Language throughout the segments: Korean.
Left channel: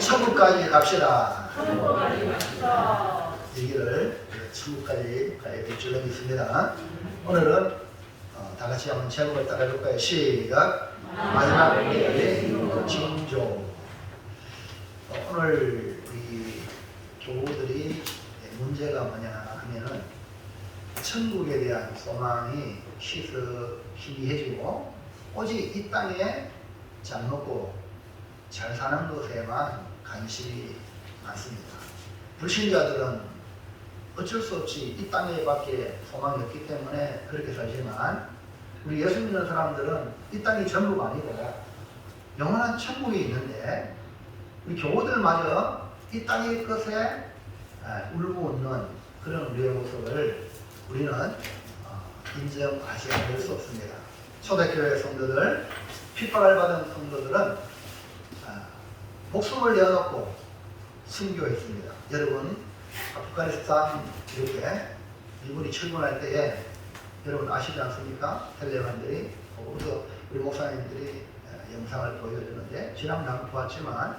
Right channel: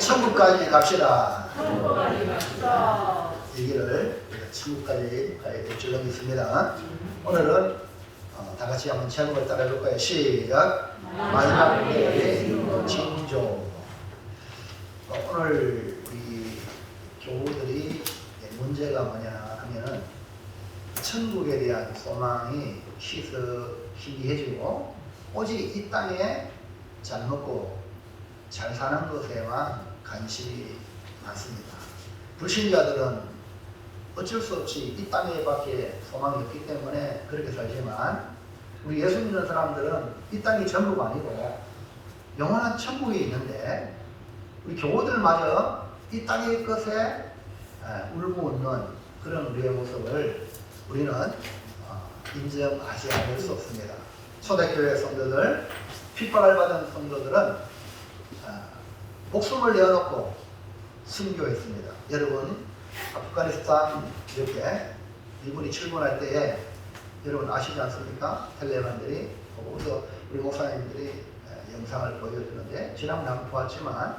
천국까지 갑시다. 얘기를 천국까지 가야 될 줄로 믿습니다. 오늘은 다 같이 한번 제목을 따라볼 거예요. 시작. 마지막 때의 징조. 오늘 우리 교우들이 문제가 뭐냐 하면은 천국에 대한 소망이 희귀해지고 오직 이 땅에 잘 먹고 잘 사는 것에만 관심이 많습니다. 불신자들은 어쩔 수 없이 이 땅에밖에 소망이 없기 때문에 그렇게 살지만 우리 예수 믿는 사람들은 이 땅이 전부가 아니고 영원한 천국이 있는데 우리 교우들마저 이 땅의 것에 울고 웃는 그런 우리의 모습을 우리는 인정하지 않을 수 없습니다. 초대교회 성도들, 핍박을 받은 성도들은 목숨을 내어놓고 순교했습니다. 여러분, 아프가니스탄 이렇게 미군이 출근할 때에 여러분 아시지 않습니까? 텔레반들이 또 우리 목사님들이 영상을 보여주는데 지난번에 한번 보았지만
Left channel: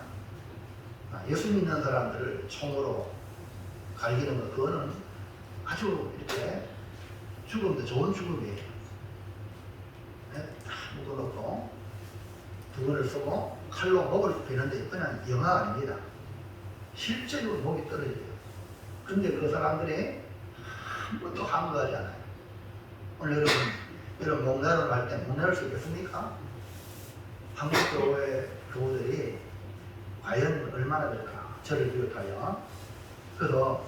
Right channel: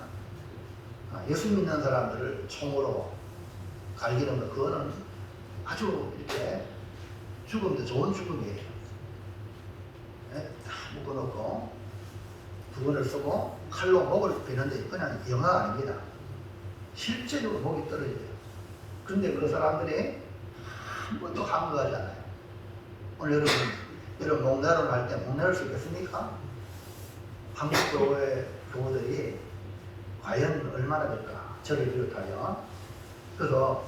예수 믿는 사람들을 총으로 갈기는 것, 그거는 아주 이렇게 죽음도 좋은 죽음이에요. 다 묶어놓고 부근을 쓰고 칼로 목을 베는데 그냥 영화가 아닙니다. 실제로 목이 떨어져요. 그런데 그 사람들이 한 번도 항거하지 않아요. 오늘 여러분 목나름 갈 때 목나를 수 있겠습니까? 한국 교회 교우들이 과연 얼마나 될까? 저를 비롯하여. 그래서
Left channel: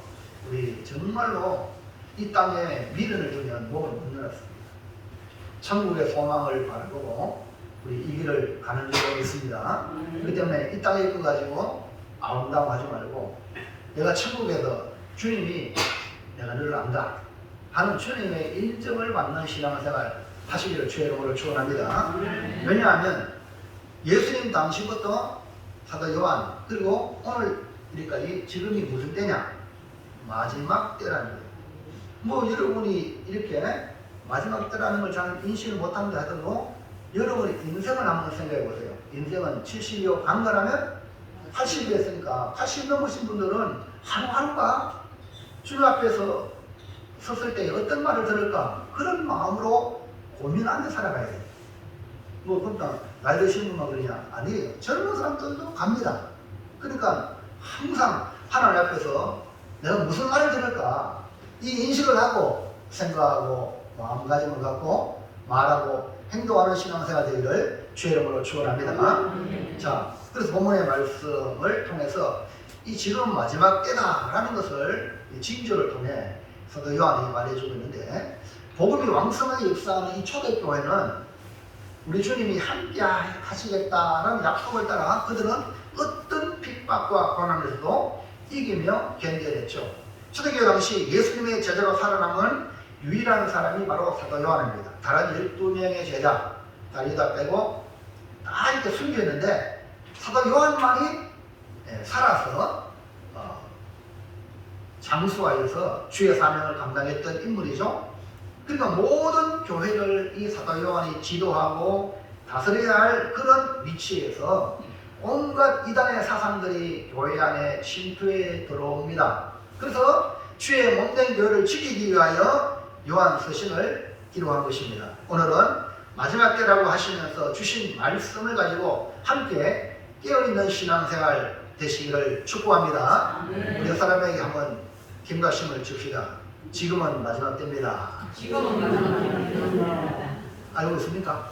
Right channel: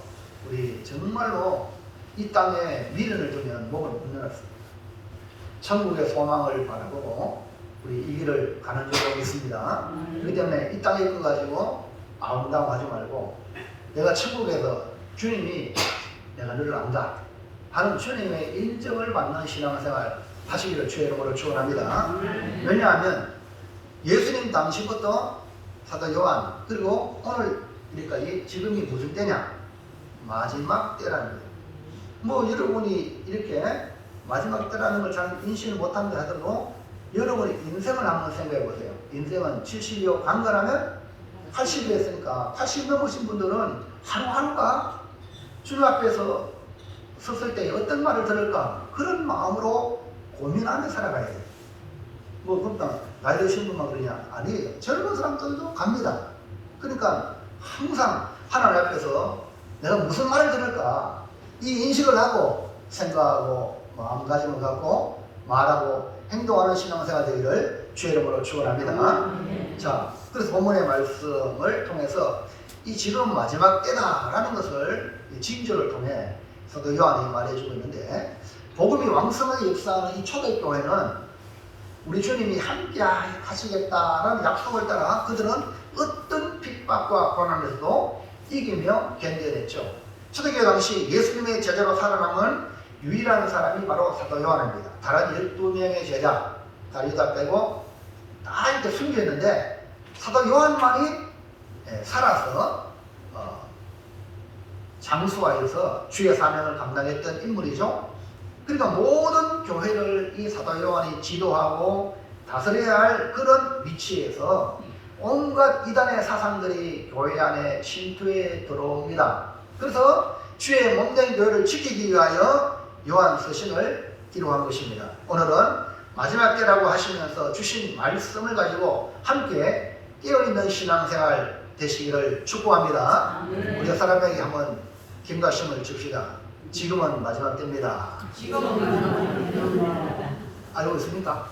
우리 정말로 이 땅에 미련을 두면 목을 못 내놨습니다. 천국의 소망을 바라보고 우리 이 길을 가는 줄로 있습니다. 그렇기 때문에 이 땅에 있고 가지고 아웅다웅 하지 말고 내가 천국에서 주님이 내가 너를 안다 하는 주님의 인정을 받는 신앙생활 하시기를 주의 이름으로 축원합니다. 왜냐하면 예수님 당시부터 사도 요한 그리고 오늘 이렇게까지 지금이 무슨 때냐? 마지막 때라는 거예요. 뭐 여러분이 이렇게 마지막 때라는 걸 잘 인식을 못한다 하더라도 여러분의 인생을 한번 생각해 보세요. 인생은 70여 강건하면 80이 됐으니까 80 넘으신 분들은 하루하루가 주님 앞에서 섰을 때 어떤 말을 들을까? 그런 마음으로 고민하며 살아가야 돼요. 뭐 그러니까 나이 드신 분만 그러냐? 아니에요. 젊은 사람들도 갑니다. 그러니까 항상 하나님 앞에서 내가 무슨 말을 들을까? 이 인식을 하고 생각하고 마음가짐을 갖고 말하고 행동하는 신앙생활 되기를 주의 이름으로 축원합니다. 자, 그래서 본문의 말씀을 통해서 이 지금 마지막 때다라는 것을 이 징조를 통해 사도 요한이 말해주고 있는데 복음이 왕성하게 역사하는 이 초대교회는 우리 주님이 함께 하시겠다라는 약속을 따라 그들은 어떤 핍박과 고난에서도 이기며 견뎌냈죠. 초대교회 당시 예수님의 제자로 살아남은 유일한 사람이 바로 사도 요한입니다. 다른 12명의 제자, 다 유다 빼고 다 이렇게 숨겨있는데 사도 요한만이 살아서 장수하여서 주의 사명을 감당했던 인물이죠. 그러니까 모든 교회를 이 사도 요한이 지도하고 다스려야 할 그런 위치에서 온갖 이단의 사상들이 교회 안에 침투해 들어옵니다. 그래서 주의 몸된 교회를 지키기 위하여 요한 서신을 기록한 것입니다. 오늘은 마지막 때라고 하시면서 주신 말씀을 가지고 함께 깨어있는 신앙생활 되시기를 축복합니다. 우리 사람에게 한번 김가심을 줍시다. 지금은 마지막 때입니다. 지금은 마지막 때입니다. 알고 있습니까?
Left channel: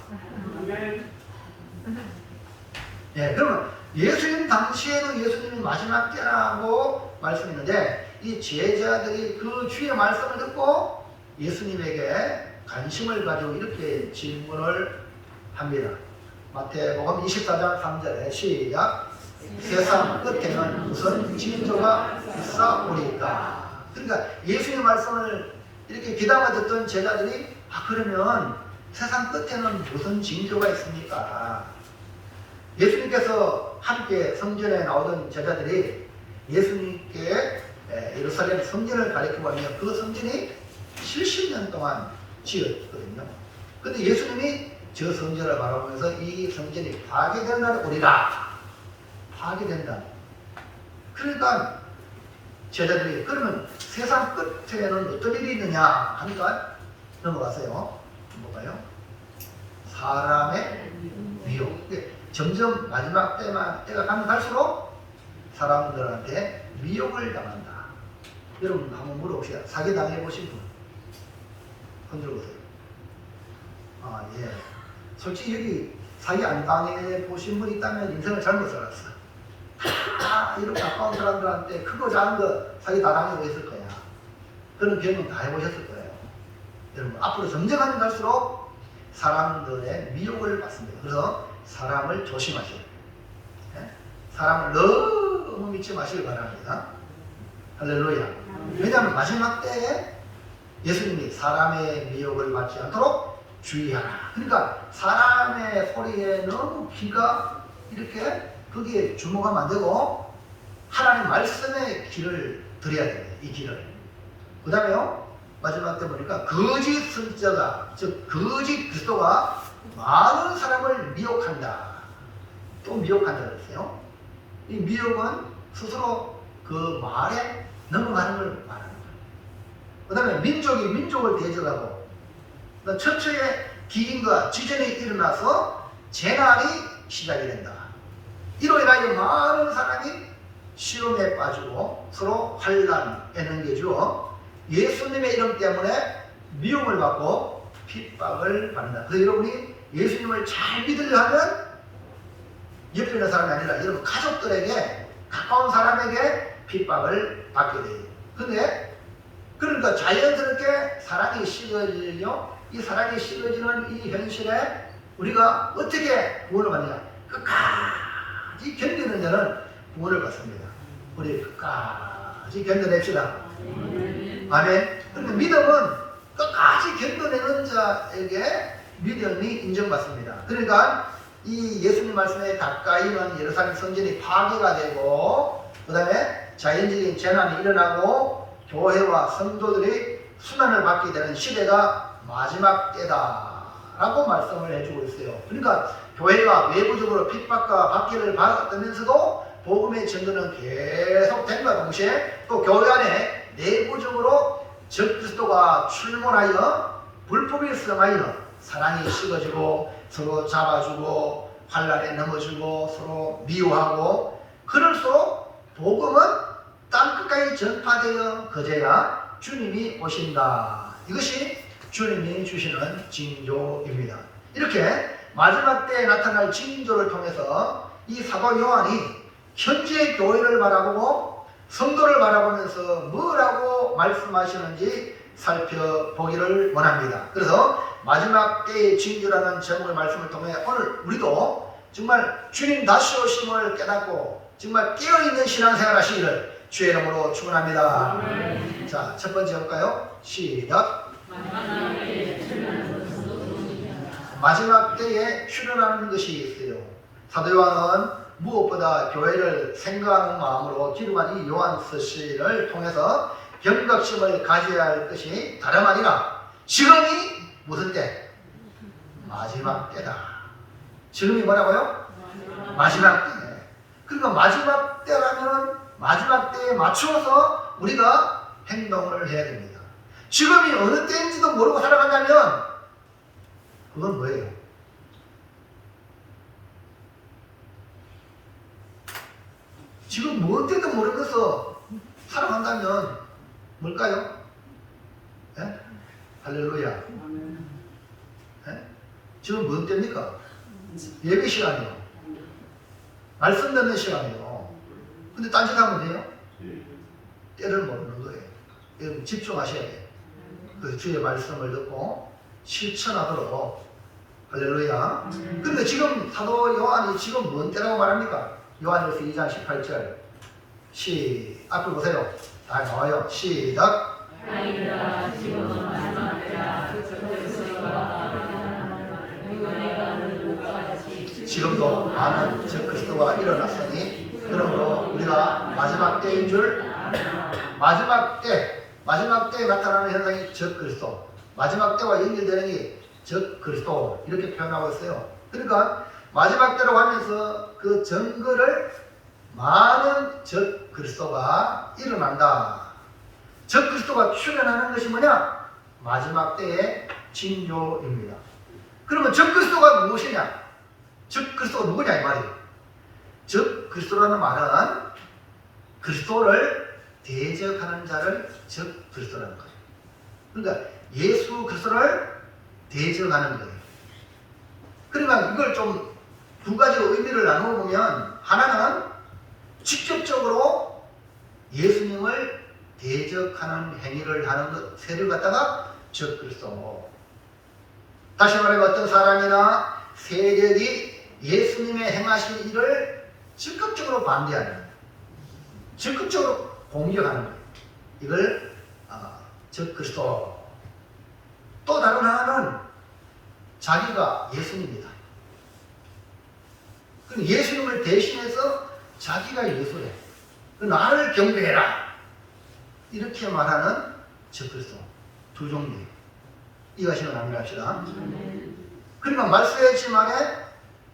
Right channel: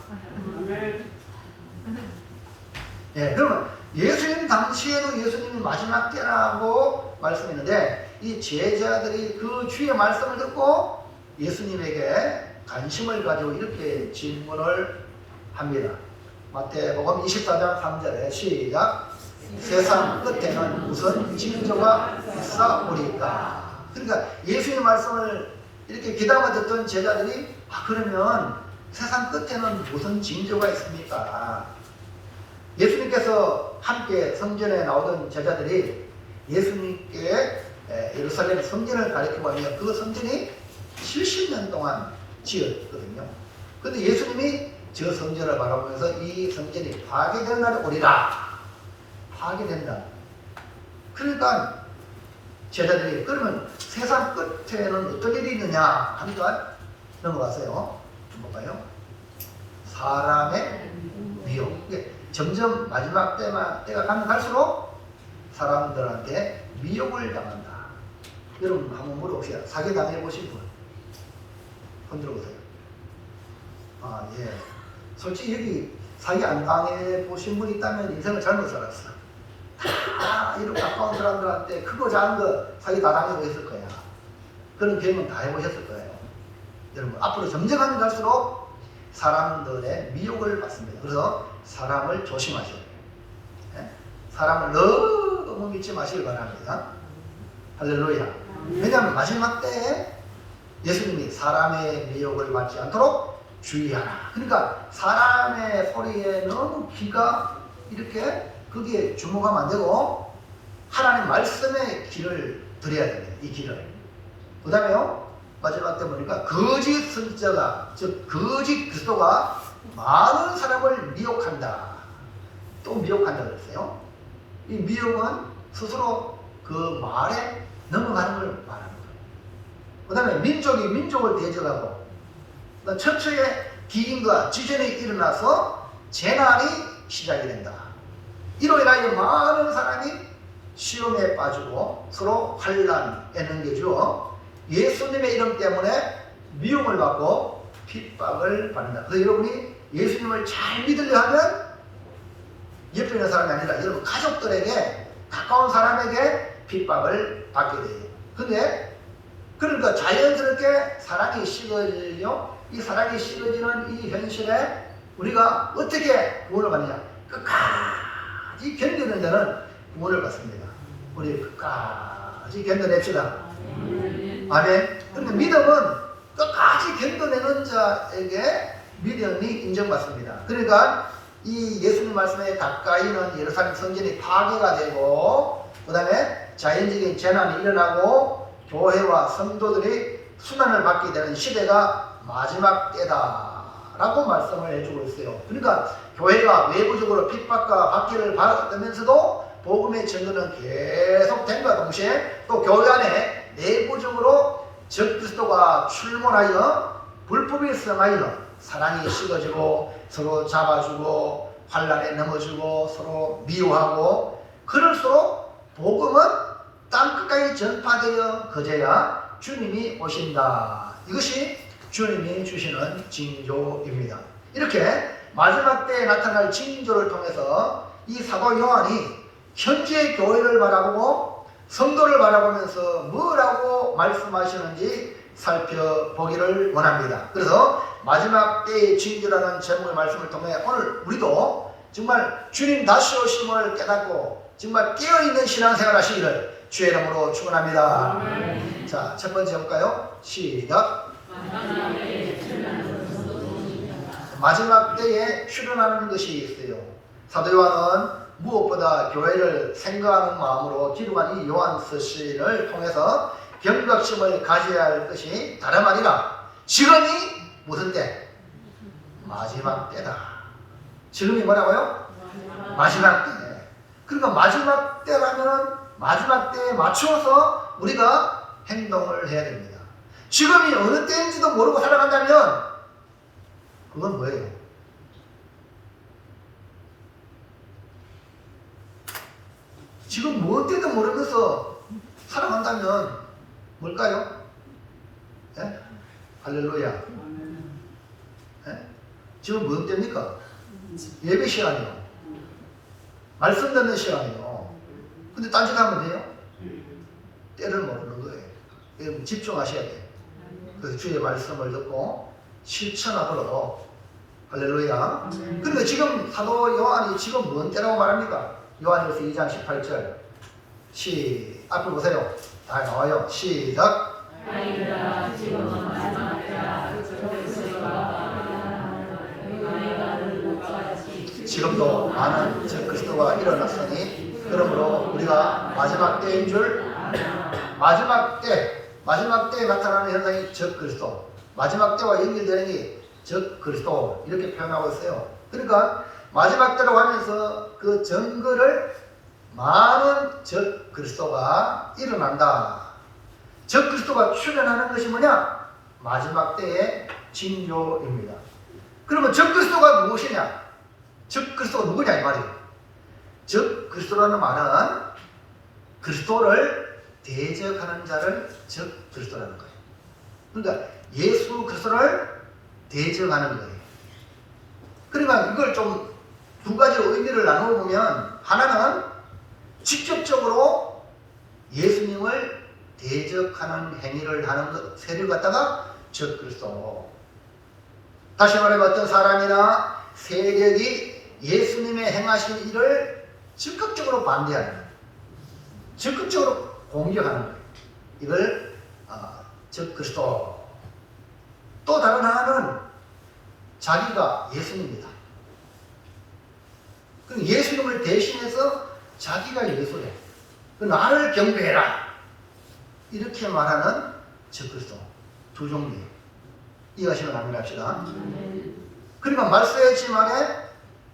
네, 그러면 예수님 당시에도 예수님이 마지막 때라고 말씀했는데 이 제자들이 그 주의 말씀을 듣고 예수님에게 관심을 가지고 이렇게 질문을 합니다. 마태복음 24장 3절에 시작. 세상 끝에는 무슨 징조가 있사오리까. 그러니까 예수님의 말씀을 이렇게 귀담아 듣던 제자들이 그러면 세상 끝에는 무슨 징조가 있습니까? 예수님께서 함께 성전에 나오던 제자들이 예수님께 예루살렘 성전을 가리켜보며 그 성전이 70년 동안 지었거든요. 그런데 예수님이 저 성전을 바라보면서 이 성전이 파괴될 날이 오리라. 파괴된다. 그러니까 제자들이 그러면 세상 끝에는 어떤 일이 있느냐 하니까 넘어가세요. 뭐가요? 사람의 미혹. 점점 마지막 때가 가면 갈수록 사람들한테 미혹을 당한다. 여러분 한번 물어봅시다. 사기 당해보신 분 흔들어보세요. 아, 예. 솔직히 여기 사기 안 당해보신 분이 있다면 인생을 잘못 살았어. 이렇게 가까운 사람들한테 크고 작은 거 사기 다 당하고 있을 거야. 그런 경험 다 해보셨을 거예요. 여러분 앞으로 점점 가면 갈수록 사람들의 미혹을 받습니다. 그래서 사람을 조심하셔야 돼요. 사람을 너무 믿지 마시길 바랍니다. 할렐루야. 왜냐하면 마지막 때에 예수님이 사람의 미혹을 받지 않도록 주의하라. 그러니까 사람의 소리에 너무 귀가 이렇게 거기에 주목하면 안 되고 하나님 말씀의 길을 들여야 됩니다. 이 길을. 그 다음에요. 마지막 때 보니까 거짓 선지자가 즉 거짓 그리스도가 많은 사람을 미혹한다. 또 미혹한다 그랬어요. 이 미혹은 스스로 그 말에 넘어가는 걸 말하는 거예요. 그 다음에 민족이 민족을 대적하고 처처의 기인과 지전이 일어나서 재난이 시작이 된다. 이로 인하여 많은 사람이 시험에 빠지고 서로 환난에 넘겨져 예수님의 이름 때문에 미움을 받고 핍박을 받는다. 그래서 여러분이 예수님을 잘 믿으려 하면 옆에 있는 사람이 아니라 여러분 가족들에게 가까운 사람에게 핍박을 받게 돼요. 근데 그러니까 자연스럽게 사랑이 식어지죠. 이 사랑이 식어지는 이 현실에 우리가 어떻게 구원을 받느냐? 끝까지 견디는 데는 구원을 받습니다. 우리 끝까지 견뎌냅시다. 아멘. 그런데 믿음은 끝까지 견뎌내는 자에게 믿음이 인정받습니다. 그러니까 이 예수님 말씀에 가까이는 예루살렘 성전이 파괴가 되고 그 다음에 자연적인 재난이 일어나고 교회와 성도들이 수난을 받게 되는 시대가 마지막 때다라고 말씀을 해주고 있어요. 그러니까 교회가 외부적으로 핍박과 박해를 받으면서도 복음의 증거는 계속 됨과 동시에 또 교회 안에 내부적으로 적그리스도가 출몰하여 불법을 성하여 사랑이 식어지고 서로 잡아주고 환난에 넘어지고 서로 미워하고 그럴수록 복음은 땅끝까지 전파되어 거져야 주님이 오신다. 이것이 주님이 주시는 징조입니다. 이렇게 마지막 때에 나타날 징조를 통해서 이 사도 요한이 현재 교회를 바라보고 성도를 바라보면서 뭐라고 말씀하시는지 살펴보기를 원합니다. 그래서 마지막 때의 징조라는 제목의 말씀을 통해 오늘 우리도 정말 주님 다시 오심을 깨닫고 정말 깨어있는 신앙생활 하시기를 주의 이름으로 축원합니다. 자, 첫 번째 볼까요? 시작. 마지막 때에 출현하는 것이 있어요. 사도 요한은 무엇보다 교회를 생각하는 마음으로 기록한 이 요한 서신을 통해서 경각심을 가져야 할 것이 다름 아니라 지금이 무슨 때? 마지막 때다. 지금이 뭐라고요? 마지막 때. 그러니까 마지막 때라면 마지막 때에 맞추어서 우리가 행동을 해야 됩니다. 지금이 어느 때인지도 모르고 살아간다면 그건 뭐예요? 지금 뭔 때도 모르면서 살아간다면 뭘까요? 예? 할렐루야. 예? 지금 뭔 때입니까? 예배 시간이요. 말씀 듣는 시간이요. 근데 딴짓하면 돼요? 때를 모르는 거예요. 여러분 집중하셔야 돼요. 그래서 주의 말씀을 듣고 실천하도록. 할렐루야. 그러니까 지금 사도 요한이 지금 뭔 때라고 말합니까? 요한일서 2장 18절 앞을 보세요. 다 나와요. 시작. 지금도 많은 적그리스도가 일어났으니 그러므로 우리가 마지막 때인 줄 마지막 때에 나타나는 현상이 적그리스도, 마지막 때와 연결되는 게 적그리스도 이렇게 표현하고 있어요. 그러니까 마지막 때로 가면서 그 증거를 많은 적 그리스도가 일어난다. 적 그리스도가 출현하는 것이 뭐냐? 마지막 때의 징조입니다. 그러면 적 그리스도가 무엇이냐? 적 그리스도가 누구냐 이 말이에요. 적 그리스도라는 말은 그리스도를 대적하는 자를 적 그리스도라는 거예요. 그러니까 예수 그리스도를 대적하는 거예요. 그러니까 이걸 좀 두 가지로 의미를 나누어 보면, 하나는 직접적으로 예수님을 대적하는 행위를 하는 세를 갖다가 적 그리스도. 다시 말하면 어떤 사람이나 세력이 예수님의 행하신 일을 적극적으로 반대하는 거예요. 적극적으로 공격하는 거예요. 이걸 적 그리스도. 또 다른 하나는 자기가 예수님이다. 예수님을 대신해서 자기가 예수래. 나를 경배해라. 이렇게 말하는 적 그리스도. 두 종류예요. 이해하시면 합니다. 그러니까 말씀했지만에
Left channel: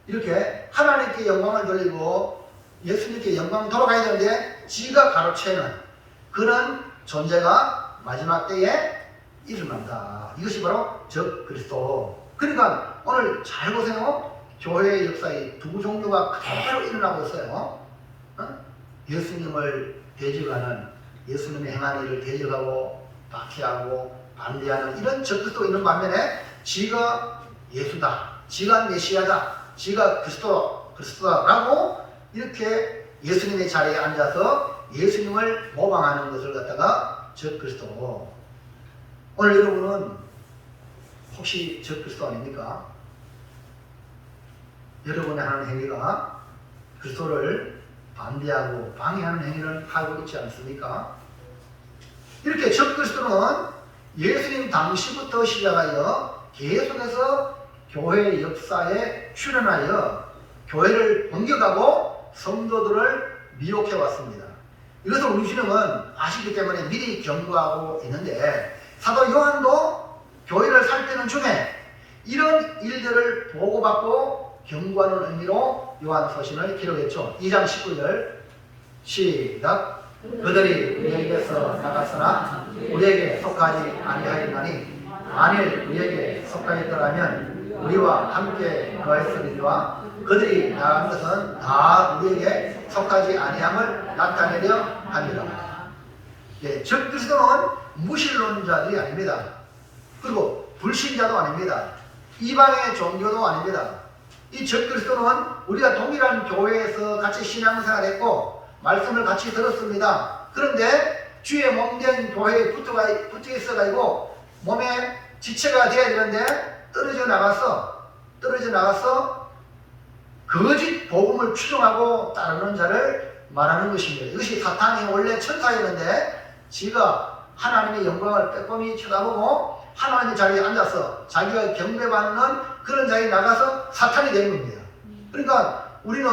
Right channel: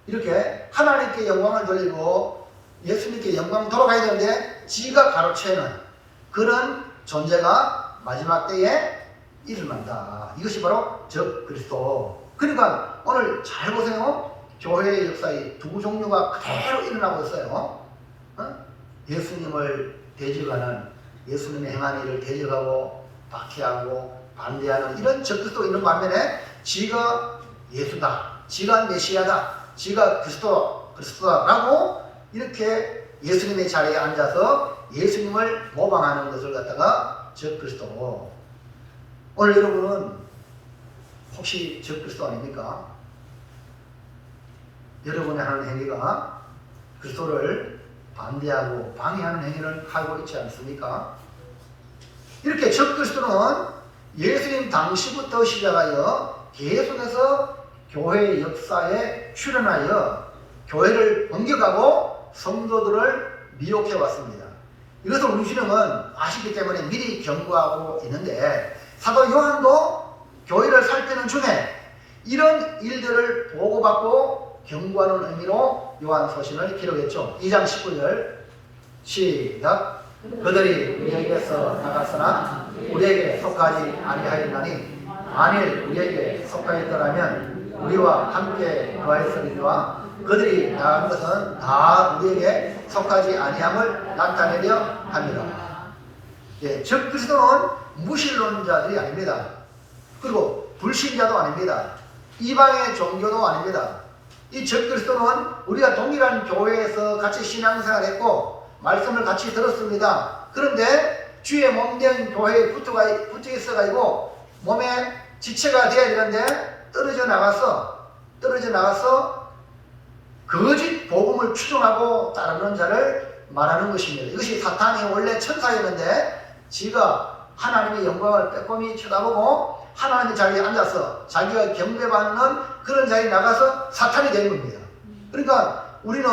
이렇게 하나님께 영광을 돌리고 예수님께 영광을 돌아가야 되는데 지가 가로채는 그런 존재가 마지막 때에 일어난다. 이것이 바로 적 그리스도. 그러니까 오늘 잘 보세요. 교회의 역사에 두 종류가 그대로 일어나고 있어요. 예수님을 대적하는, 예수님의 행한 일을 대적하고 박해하고 반대하는 이런 적 그리스도가 있는 반면에 지가 예수다, 지가 메시아다, 지가 그리스도다라고 이렇게 예수님의 자리에 앉아서 예수님을 모방하는 것을 갖다가 적 그리스도. 오늘 여러분은 혹시 적 그리스도 아닙니까? 여러분의 하는 행위가 그리스도를 반대하고 방해하는 행위를 하고 있지 않습니까? 이렇게 적 그리스도는 예수님 당시부터 시작하여 계속해서 교회의 역사에 출현하여 교회를 공격하고 성도들을 미혹해 왔습니다. 이것을 우리 주님은 아시기 때문에 미리 경고하고 있는데, 사도 요한도 교회를 살피는 중에 이런 일들을 보고받고 경고하는 의미로 요한 서신을 기록했죠. 2장 19절 시작. 그들이 우리에게서 나갔으나 우리에게 속하지 아니하였나니 만일 우리에게 속하였더라면 우리와 함께 거하였으리라. 그들이 나간 것은 다 우리에게 속하지 아니함을 나타내려 함이라. 예, 즉 그리스도는 무신론자들이 아닙니다. 그리고 불신자도 아닙니다. 이방의 종교도 아닙니다. 이 적 그리스도는 우리가 동일한 교회에서 같이 신앙생활했고 말씀을 같이 들었습니다. 그런데 주의 몸된 교회에 붙어 있어가지고 몸에 지체가 되어야 되는데 떨어져 나가서 거짓 복음을 추종하고 따르는 자를 말하는 것입니다. 이것이 사탄이 원래 천사였는데 지가 하나님의 영광을 빼꼼히 쳐다보고 하나님의 자리에 앉아서 자기가 경배받는 그런 자리에 나가서 사탄이 된 겁니다. 그러니까 우리는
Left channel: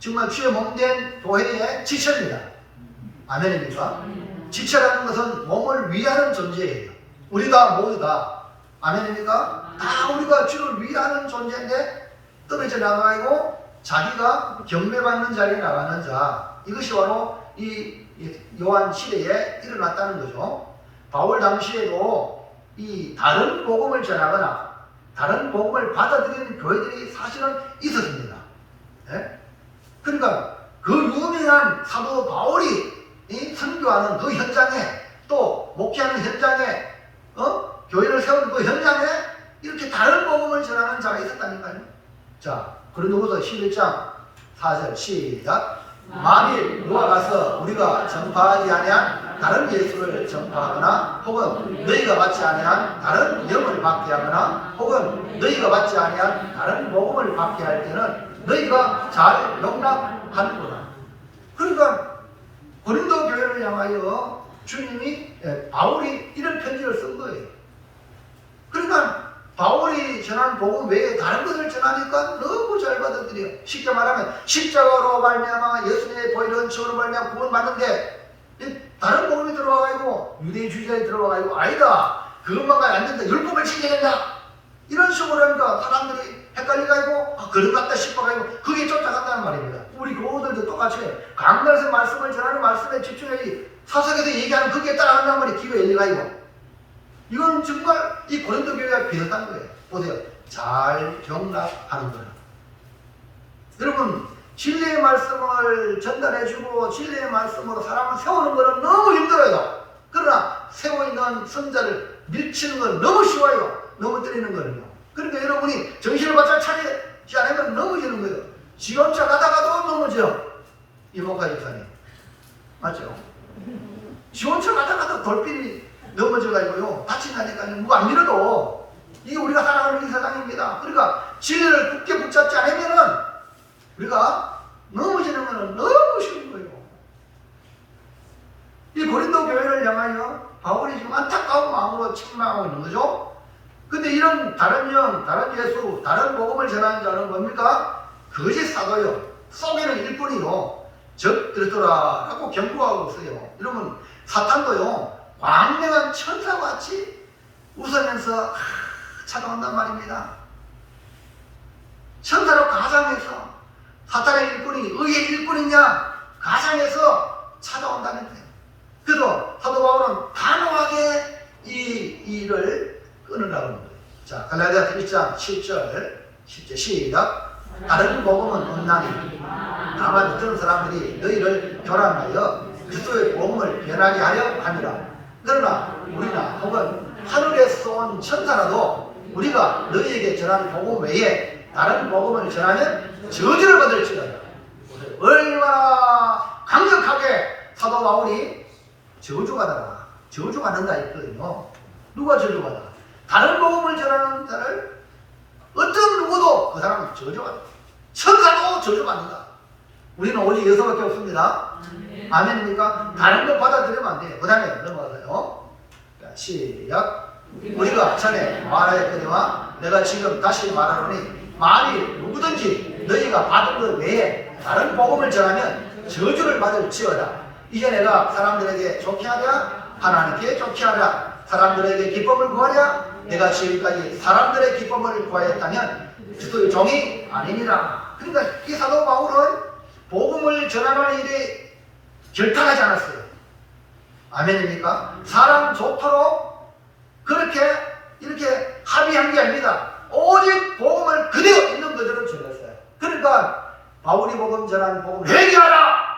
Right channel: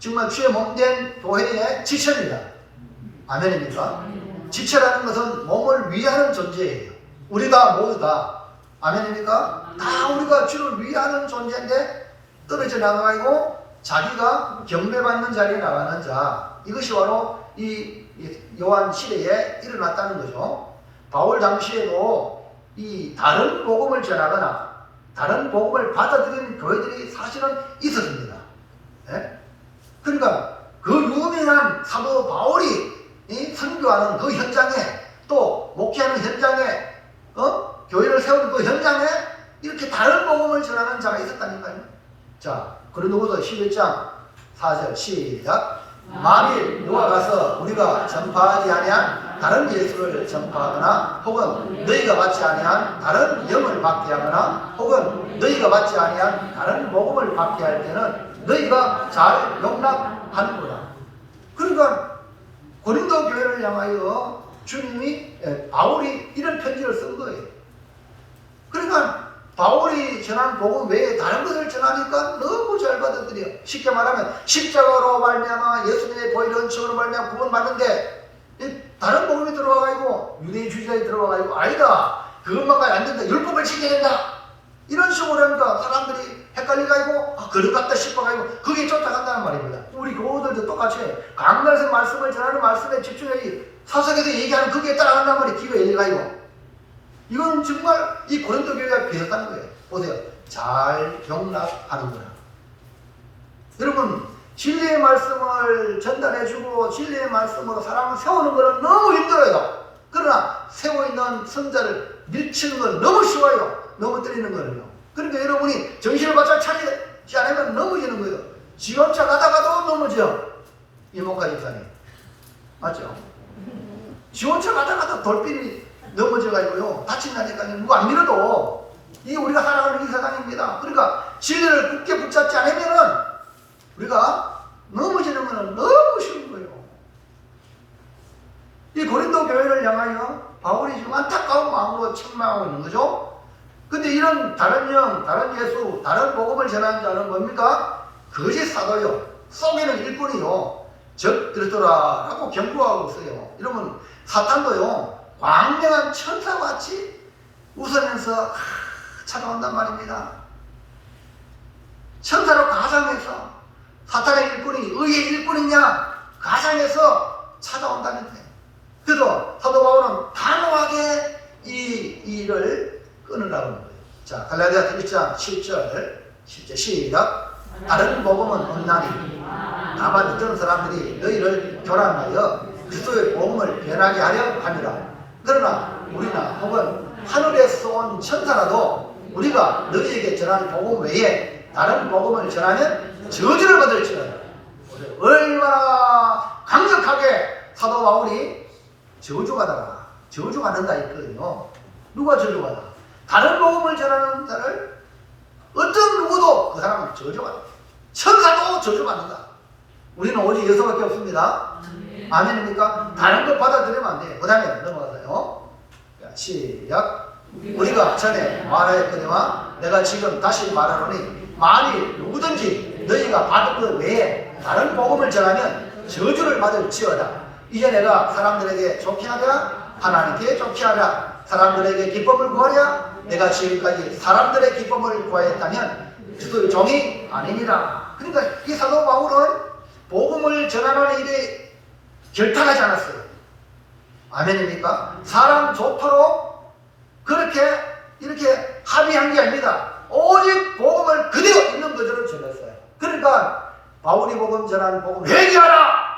정말 주의 몸된 교회의 지체입니다. 아멘입니까? 지체라는 것은 몸을 위하는 존재예요. 우리 다 모두 다. 아멘입니까? 다 우리가 주를 위하는 존재인데 떨어져 나가고 자기가 경배받는 자리에 나가는 자. 이것이 바로 이 요한 시대에 일어났다는 거죠. 바울 당시에도 이 다른 복음을 전하거나 다른 복음을 받아들이는 교회들이 사실은 있었습니다. 예? 그러니까 그 유명한 사도 바울이 선교하는 그 현장에, 또 목회하는 현장에, 교회를 세우는 그 현장에 이렇게 다른 복음을 전하는 자가 있었다니까요. 자, 고린도후서 11장 4절 시작. 만일 누가 가서 우리가 전파하지 아니한 다른 예수를 전파하거나 혹은 너희가 받지 아니한 다른 영을 받게 하거나 혹은 너희가 받지 아니한 다른 복음을 받게 할 때는 너희가 잘 용납하는구나. 그러니까 고린도 교회를 향하여 주님이 바울이 이런 편지를 쓴 거예요. 그러니까 바울이 전한 복음 외에 다른 것을 전하니까 너무 잘 받아들여. 쉽게 말하면 십자가로 말미암아 예수님의 보혈의 은총으로 말미암아 구원받는데 다른 복음이 들어와가지고 유대인 주의자에 들어와가지고 아니다, 그것만까지 안 된다, 율법을 지켜야 된다, 이런 식으로 하니까 사람들이 헷갈려가지고 그런 것 같다 싶어가지고 그게 쫓아간다는 말입니다. 우리 교우들도 똑같이 강단에서 말씀을 전하는 말씀에 집중해야지 사석에서 얘기하는 그게 따라간다는 말이 귀가 열려가지고 이건 정말 이 고린도 교회가 비슷한 거예요. 보세요. 잘 경락하는 거라. 여러분 진리의 말씀을 전달해주고 진리의 말씀으로 사람을 세우는 것은 너무 힘들어요. 그러나 세워있는 선자를 밀치는 건 너무 쉬워요. 넘어뜨리는 거는요. 그러니까 여러분이 정신을 바짝 차리지 않으면 넘어지는 거예요. 지원차 가다가도 넘어져. 이모카 집사님 맞죠? 지원차 가다가도 돌핀이 넘어져가지고요 다친다니까요. 누가 안 밀어도 이게 우리가 살아가는 이 세상입니다. 그러니까 진리를 굳게 붙잡지 않으면은 우리가 넘어지는 것은 너무 쉬운 거예요. 이 고린도 교회를 향하여 바울이 지금 안타까운 마음으로 책망하고 있는 거죠. 근데 이런 다른 영, 다른 예수, 다른 복음을 전하는 자는 뭡니까? 거짓 사도요. 속에는 일꾼이요. 적 그리스도라 라고 경고하고 있어요. 여러분 사탄도요. 광명한 천사같이 웃으면서 찾아온단 말입니다. 천사로 가상해서 사탄의 일꾼이 의의 일꾼이냐 가상해서 찾아온다는 거예요. 그래서 사도 바울은 단호하게 이 일을 끊으라고 하는 거예요. 자, 갈라디아 1장 10절 시작. 다른 복음은 없나니 다만 어떤 사람들이 너희를 교란하여 그리스도의 복음을 변하게 하려 함이라. 그러나 우리나 혹은 하늘에서 온 천사라도 우리가 너희에게 전하는 복음 외에 다른 복음을 전하면 저주를 받을지어다. 얼마나 강력하게 사도 바울이 저주받아라. 저주받는다 했거든요. 누가 저주받아? 다른 복음을 전하는 자를 어떤 누구도 그 사람을 저주받아. 천사도 저주받는다. 우리는 오직 예수밖에 없습니다. 아멘입니까? 다른 거 받아들이면 안 돼요. 그 다음에 넘어가서요. 시작. 우리가 전에 말하였거니와 내가 지금 다시 말하노니 만일 누구든지 너희가 받은 것 외에 다른 복음을 전하면 저주를 받을지어다. 이제 내가 사람들에게 좋게 하랴 하나님께 좋게 하랴 사람들에게 기쁨을 구하랴 내가 지금까지 사람들의 기쁨을 구하였다면 그리스도의 종이 아니니라. 그러니까 이 사도 바울은 복음을 전하는 일에 결탁하지 않았어요. 아멘입니까? 사람 좋도록 그렇게 이렇게 합의한 게 아닙니다. 오직 복음을 그대로 있는 그대로 전했어요. 그러니까 바울이 복음 전하는 복음 회개하라.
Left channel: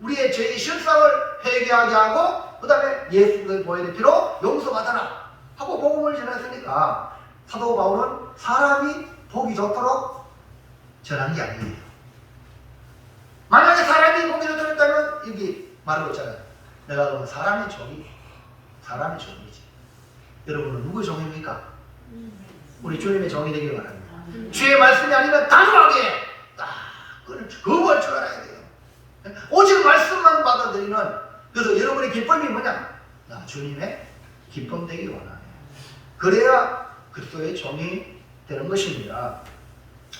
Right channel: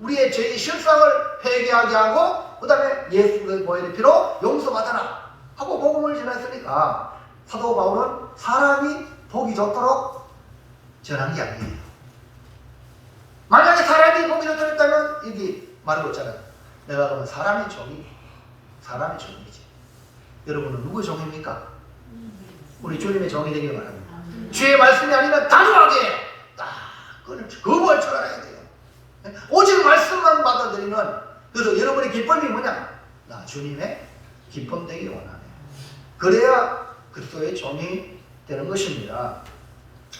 우리의 죄의 실상을 회개하게 하고 그 다음에 예수의 보혈의 피로 용서받아라 하고 복음을 전했으니까 사도 바울은 사람이 보기 좋도록 전한 게 아니에요. 만약에 사람이 보기 좋도록 했다면 여기 말하고 있잖아요. 내가 그러면 사람의 종이 사람의 종이지. 여러분은 누구의 종입니까? 우리 주님의 종이 되길 바랍니다. 주의 말씀이 아니면 단호하게 딱 그걸 거부할 줄 알아야 돼요. 오직 말씀만 받아들이면 그래서 여러분의 기쁨이 뭐냐? 나 주님의 기쁨 되기 원하네. 그래야 그리스도의 종이 되는 것입니다.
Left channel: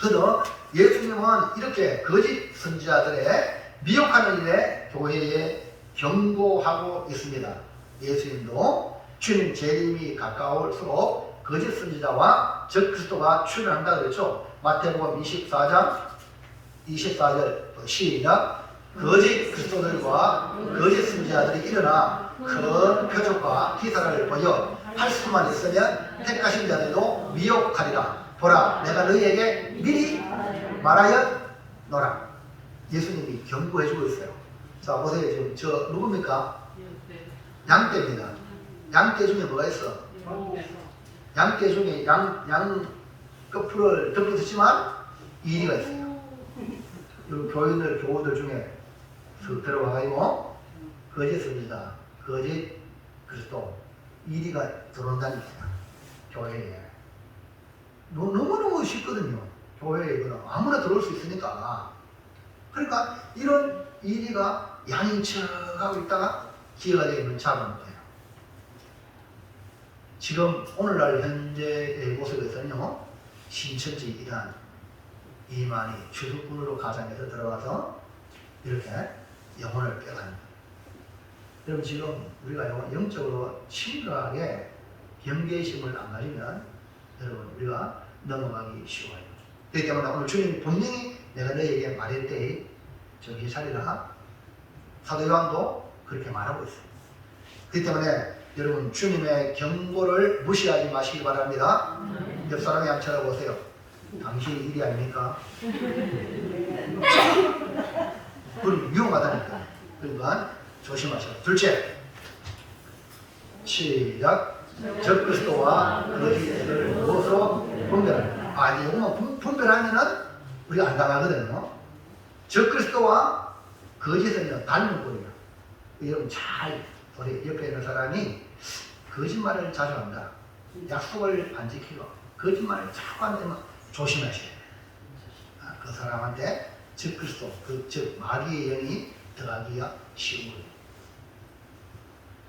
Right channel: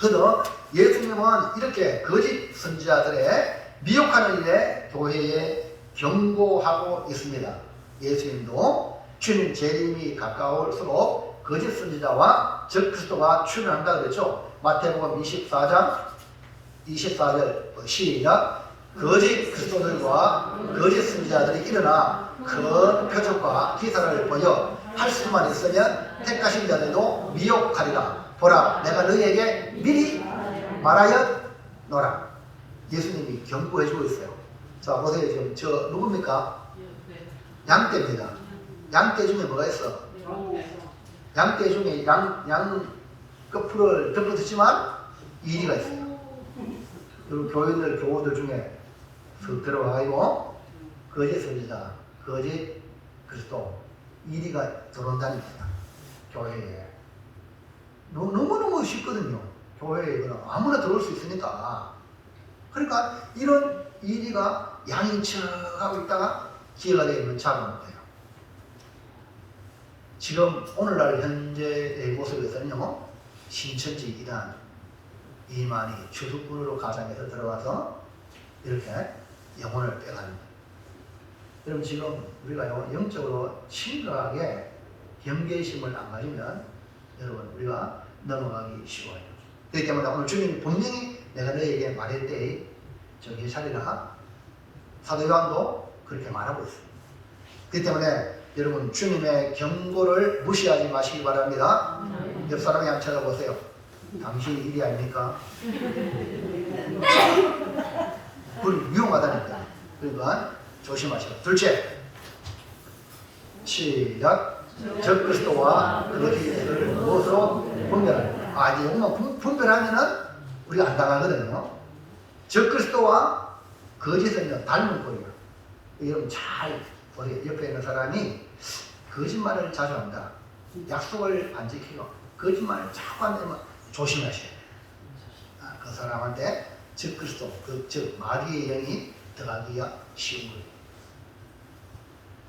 그래서 예수님은 이렇게 거짓 선지자들의 미혹하는 일에 교회에 경고하고 있습니다. 예수님도 주님 재림이 가까울수록 거짓 선지자와 적 그리스도가 출현한다 그랬죠. 마태복음 24장 24절 시작. 거짓 그리스도들과 거짓 선지자들이 일어나 큰 표적과 기사를 보여 할 수만 있으면 택하신 자들도 미혹하리라. 보라, 내가 너희에게 미리 말하였노라. 예수님이 경고해주고 있어요. 자, 보세요. 지금 저 누굽니까? 양떼입니다. 양떼 중에 뭐가 있어? 양떼 중에 양 끝풀을 덮어두지만 이리가 있어요. 여러분 교우들 중에 쓱 들어와가지고 거짓 선지자, 거짓 그리스도 이리가 들어온다니까 교회에. 너무너무 쉽거든요. 교회에 아무나 들어올 수 있으니까. 그러니까 이런 이리가 양인 척하고 있다가 기회가 되면 잡아놓은 거예요. 지금 오늘날 현재의 모습에서는요, 신천지 이단 이만희 주석군으로 가장해서 들어와서 이렇게 영혼을 빼가는 거예요. 여러분 지금 우리가 영적으로 심각하게 경계심을 안 가지면 여러분 우리가 넘어가기 쉬워요. 그렇기 때문에 오늘 주님 분명히 내가 너에게 말할 때 정신 차리라. 사도 요한도 그렇게 말하고 있어요. 그렇기 때문에 여러분 주님의 경고를 무시하지 마시기 바랍니다. 옆 사람이 한번 찾아보세요. 당신 일이 아닙니까? 그건 위험하다니까. 그러니까 조심하시고. 둘째, 시작. 적그리스도와 거짓을 무엇으로 분별하냐. 이제 이거만 분별하면은 우리가 안 당하거든요. 적그리스도와 거짓은요 닮은 꼴이에요. 여러분 잘 보세요. 옆에 있는 사람이 거짓말을 자주 한다. 약속을 안 지키고 거짓말을 자꾸 한다면 조심하셔야 돼요. 그 사람한테 적그리스도, 즉 마귀의 영이 들어가기가 쉬운 거예요.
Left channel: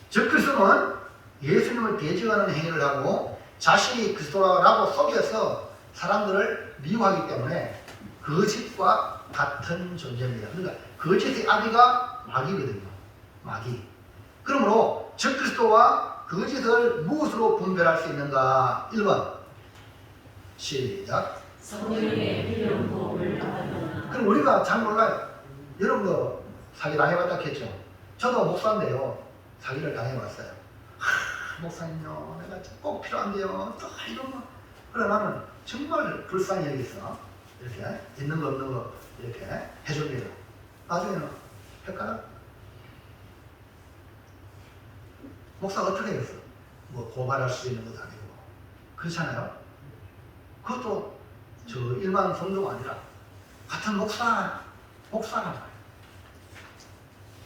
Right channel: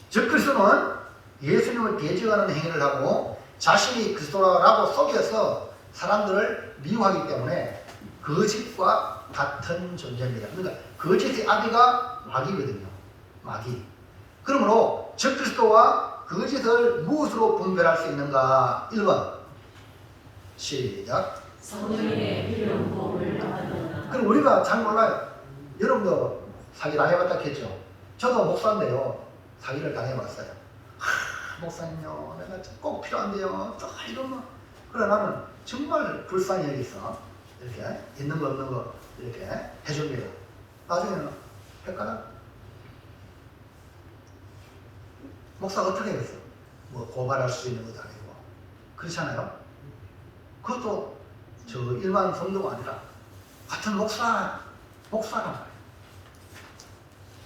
적그리스도는 예수님을 대적하는 행위를 하고 자신이 그리스도라고 속여서 사람들을 미워하기 때문에 거짓과 같은 존재입니다. 그러니까 거짓의 아비가 마귀거든요. 마귀. 그러므로 적그리스도와 거짓을 무엇으로 분별할 수 있는가? 1번 시작. 성령의 필요한 도움을 받으나. 그럼 우리가 잘 몰라요. 여러분도 사기 당해봤다 했죠. 저도 목사인데요. 사기를 당해봤어요. 목사님요, 내가 꼭 필요한데요. 또 이러면. 그래 나는 정말 불쌍히 여기서 이렇게 있는 거 없는 거 이렇게 해줍니다. 나중에는 헷갈려. 목사가 어떻게 했어? 뭐 고발할 수 있는 것도 아니고. 그렇잖아요. 그것도 저 일반 성도가 아니라 같은 목사란 말이에요.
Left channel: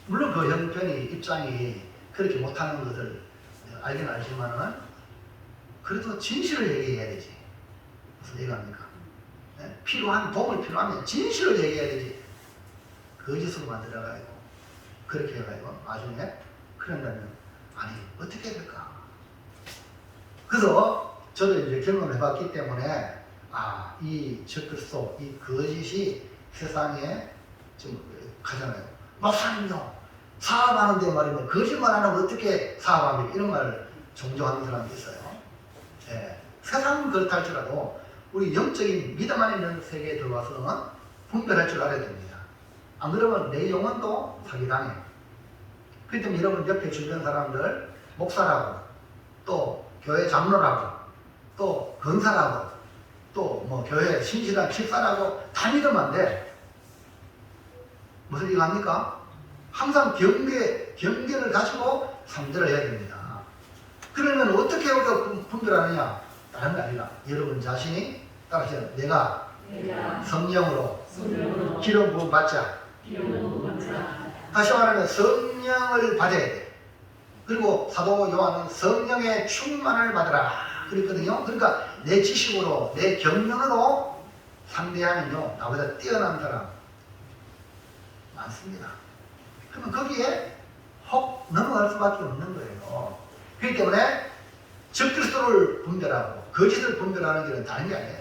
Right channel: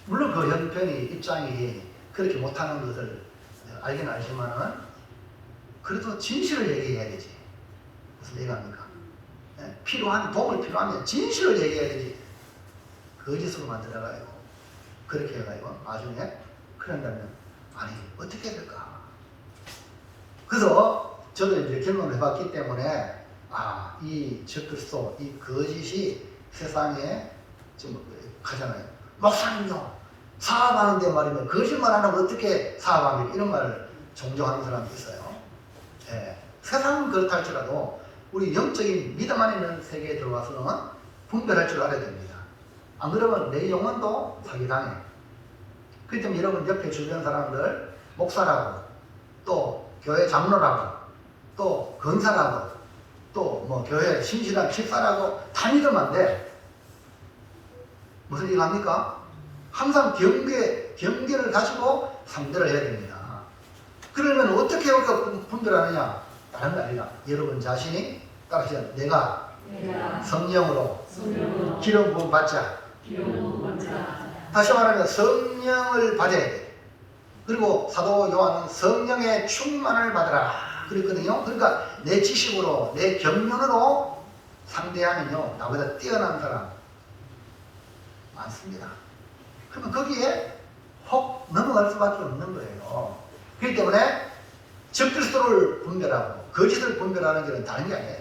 물론 그 형편이 입장이 그렇게 못하는 것을 알긴 알지만은 그래도 진실을 얘기해야 되지. 무슨 얘기합니까? 필요한 도움을 필요하면 진실을 얘기해야 되지. 거짓으로만 들어가요. 그렇게 해가지고 나중에 그런다면 아니 어떻게 해야 될까? 그래서 저도 이제 경험을 해봤기 때문에 이 적그리스도, 이 거짓이 세상에 좀 가잖아요. 목사님요, 사업하는데 말이면 거짓말 안 하면 어떻게 사업합니까? 이런 말을 종종 하는 사람이 있어요. 예. 세상은 그렇다 할지라도 우리 영적인 믿음 안에 있는 세계에 들어와서는 분별할 줄 알아야 됩니다. 안 그러면 내 영혼도 사기당해. 그렇기 때문에 여러분 옆에 주변 사람들 목사라고 또 교회 장로라고 또 권사라고 또 뭐 교회 신실한 집사라고 다 믿으면 안 돼. 무슨 얘기 합니까? 항상 경계를 가지고 상대를 해야 됩니다. 그러면 어떻게 우리가 분별하느냐? 다른 게 아니라 여러분 자신이 따라서 내가 성령으로 기름 부음 받자. 다시 말하면 성령을 받아야 돼. 그리고 사도 요한은 성령의 충만을 받으라 그랬거든요. 그러니까 내 지식으로 내 경륜으로 상대하면요 나보다 뛰어난 사람 많습니다. 그러면 거기에 혹 넘어갈 수밖에 없는 거예요. 그렇기 때문에 적그리스도를 분별하고 거짓을 분별하는 것은 다른 게 아니에요.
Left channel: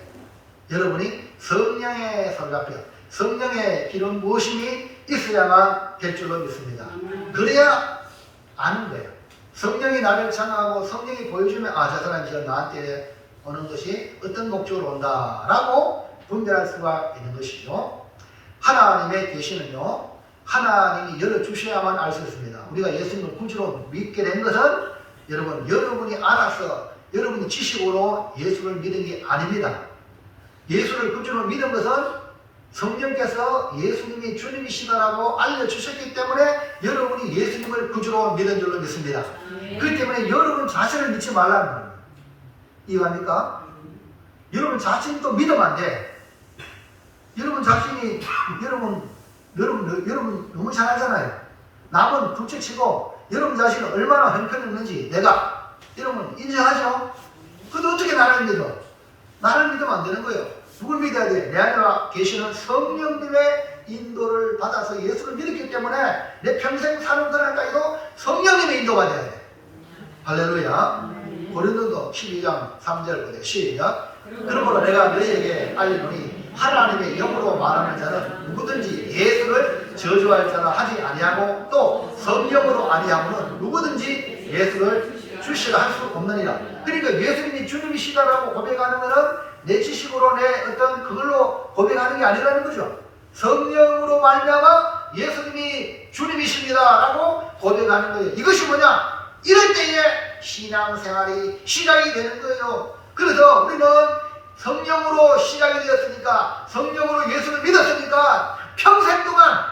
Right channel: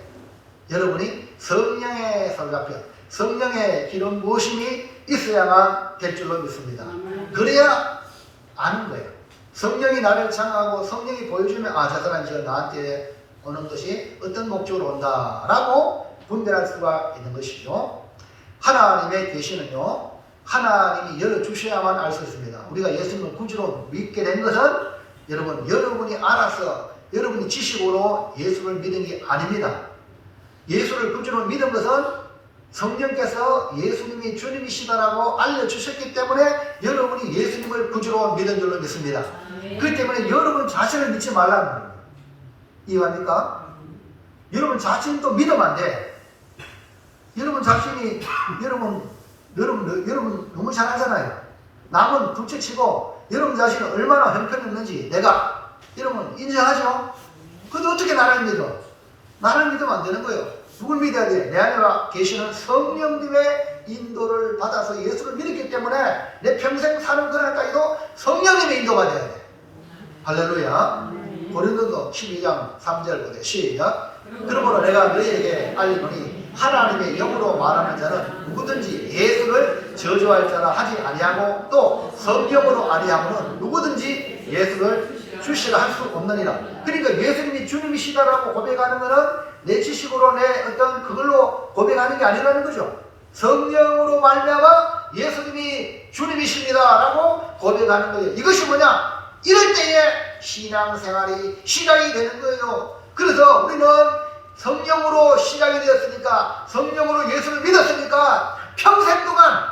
여러분이 성령의 설갑혀 성령의 기름 부으심이 있어야만 될 줄로 믿습니다. 그래야 아는 거예요. 성령이 나를 창하고 성령이 보여주면 저 사람이 지금 나한테 오는 것이 어떤 목적으로 온다라고 분별할 수가 있는 것이죠. 하나님의 계시는요 하나님이 열어주셔야만 알 수 있습니다. 우리가 예수님을 구주로 믿게 된 것은 여러분이 알아서 여러분이 지식으로 예수를 믿은 게 아닙니다. 예수를 구주로 믿은 것은 성령께서 예수님이 주님이시다라고 알려주셨기 때문에 여러분이 예수님을 구주로 믿은 줄로 믿습니다. 그렇기 때문에 여러분 자신을 믿지 말라는 거예요. 이해합니까? 여러분 자신도 믿으면 안 돼. 여러분 자신이 여러분 너무 잘 알잖아요. 남은 둘째치고 여러분 자신이 얼마나 형편없는지 내가 여러분 인정하죠? 그런데 어떻게 나를 믿어? 나를 믿으면 안 되는 거예요. 누굴 믿어야 돼? 내 안에 계시는 성령님의 인도를 받아서 예수를 믿었기 때문에 내 평생 사는 그날까지도 성령님의 인도가 돼야 돼. 할렐루야. 고린도서 12장 3절 보세요. 시작. 그러므로 내가 너희에게 알리노니 하나님의 영으로 말하는 자는 누구든지 예수를 저주할 자라 하지 아니하고 또 성령으로 아니하고는 누구든지 예수를 주시라 할 수 없느니라. 그러니까 예수님이 주님이시다라고 고백하는 것은 내 지식으로 내 어떤 그걸로 고백하는 게 아니라는 거죠. 성령으로 말미암아 예수님이 주님이십니다라고 고백하는 거예요. 이것이 뭐냐? 이럴 때에 신앙생활이 시작이 되는 거예요. 그래서 우리는 성령으로 시작이 되었으니까, 성령으로 예수를 믿었으니까 평생 동안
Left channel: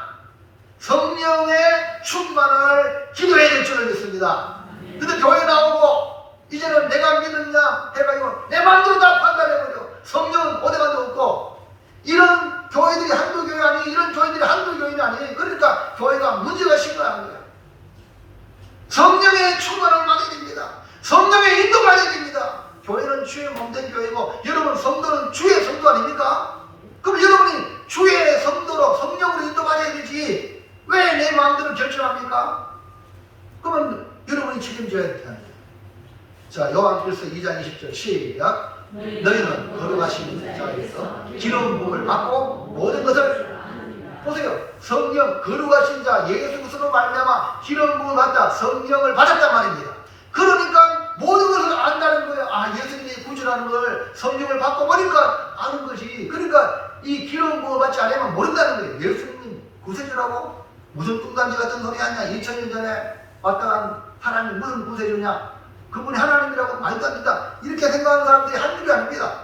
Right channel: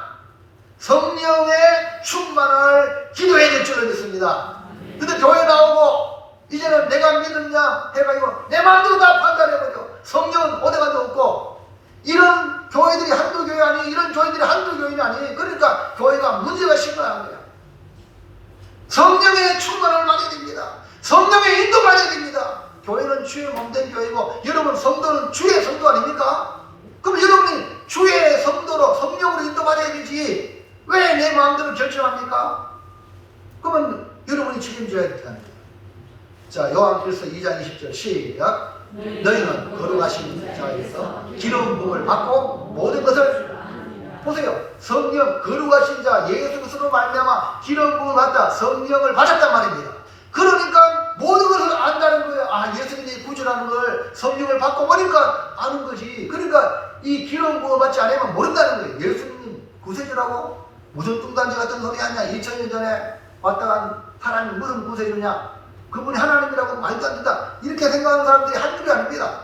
성령의 충만을 기도해야 될 줄을 믿습니다. 근데 교회 나오고 이제는 내가 믿느냐 해가지고 내 마음대로 다 판단해버려. 성령은 어디가도 없고, 이런 교회들이 한두 교회 아니, 이런 교회들이 한두 교회는 아니. 그러니까 교회가 문제가 심각한 거야. 성령의 충만을 받아야 됩니다. 성령의 인도 받아야 됩니다. 교회는 주의 몸된 교회고, 여러분 성도는 주의 성도 아닙니까? 그럼 여러분이 주의 성도로 성령으로 인도받아야 되지 왜 내 마음대로 결정합니까? 그러면 여러분이 책임져야 된다는 거예요. 자, 요한일서 2장 20절 시작. 너희는 거룩하신 자에서 기름 부음을 받고 모든 것을, 보세요. 성령, 거룩하신 자 예수 그리스도로 말미암아 기름 부음을 받다, 성령을 받았단 말입니다. 그러니까 모든 것을 안다는 거예요. 아, 예수님이 구주라는 걸 성령을 받고 보니까 아는 거지. 그러니까 이 기름 부음을 받지 않으면 모른다는 거예요. 예수님이 구세주라고? 무슨 뚱딴지 같은 소리 하냐? 2000년 전에 왔다 간 하나님 무슨 구세주냐? 그분이 하나님이라고 말도 안 된다. 이렇게 생각하는 사람들이 한둘이 아닙니다.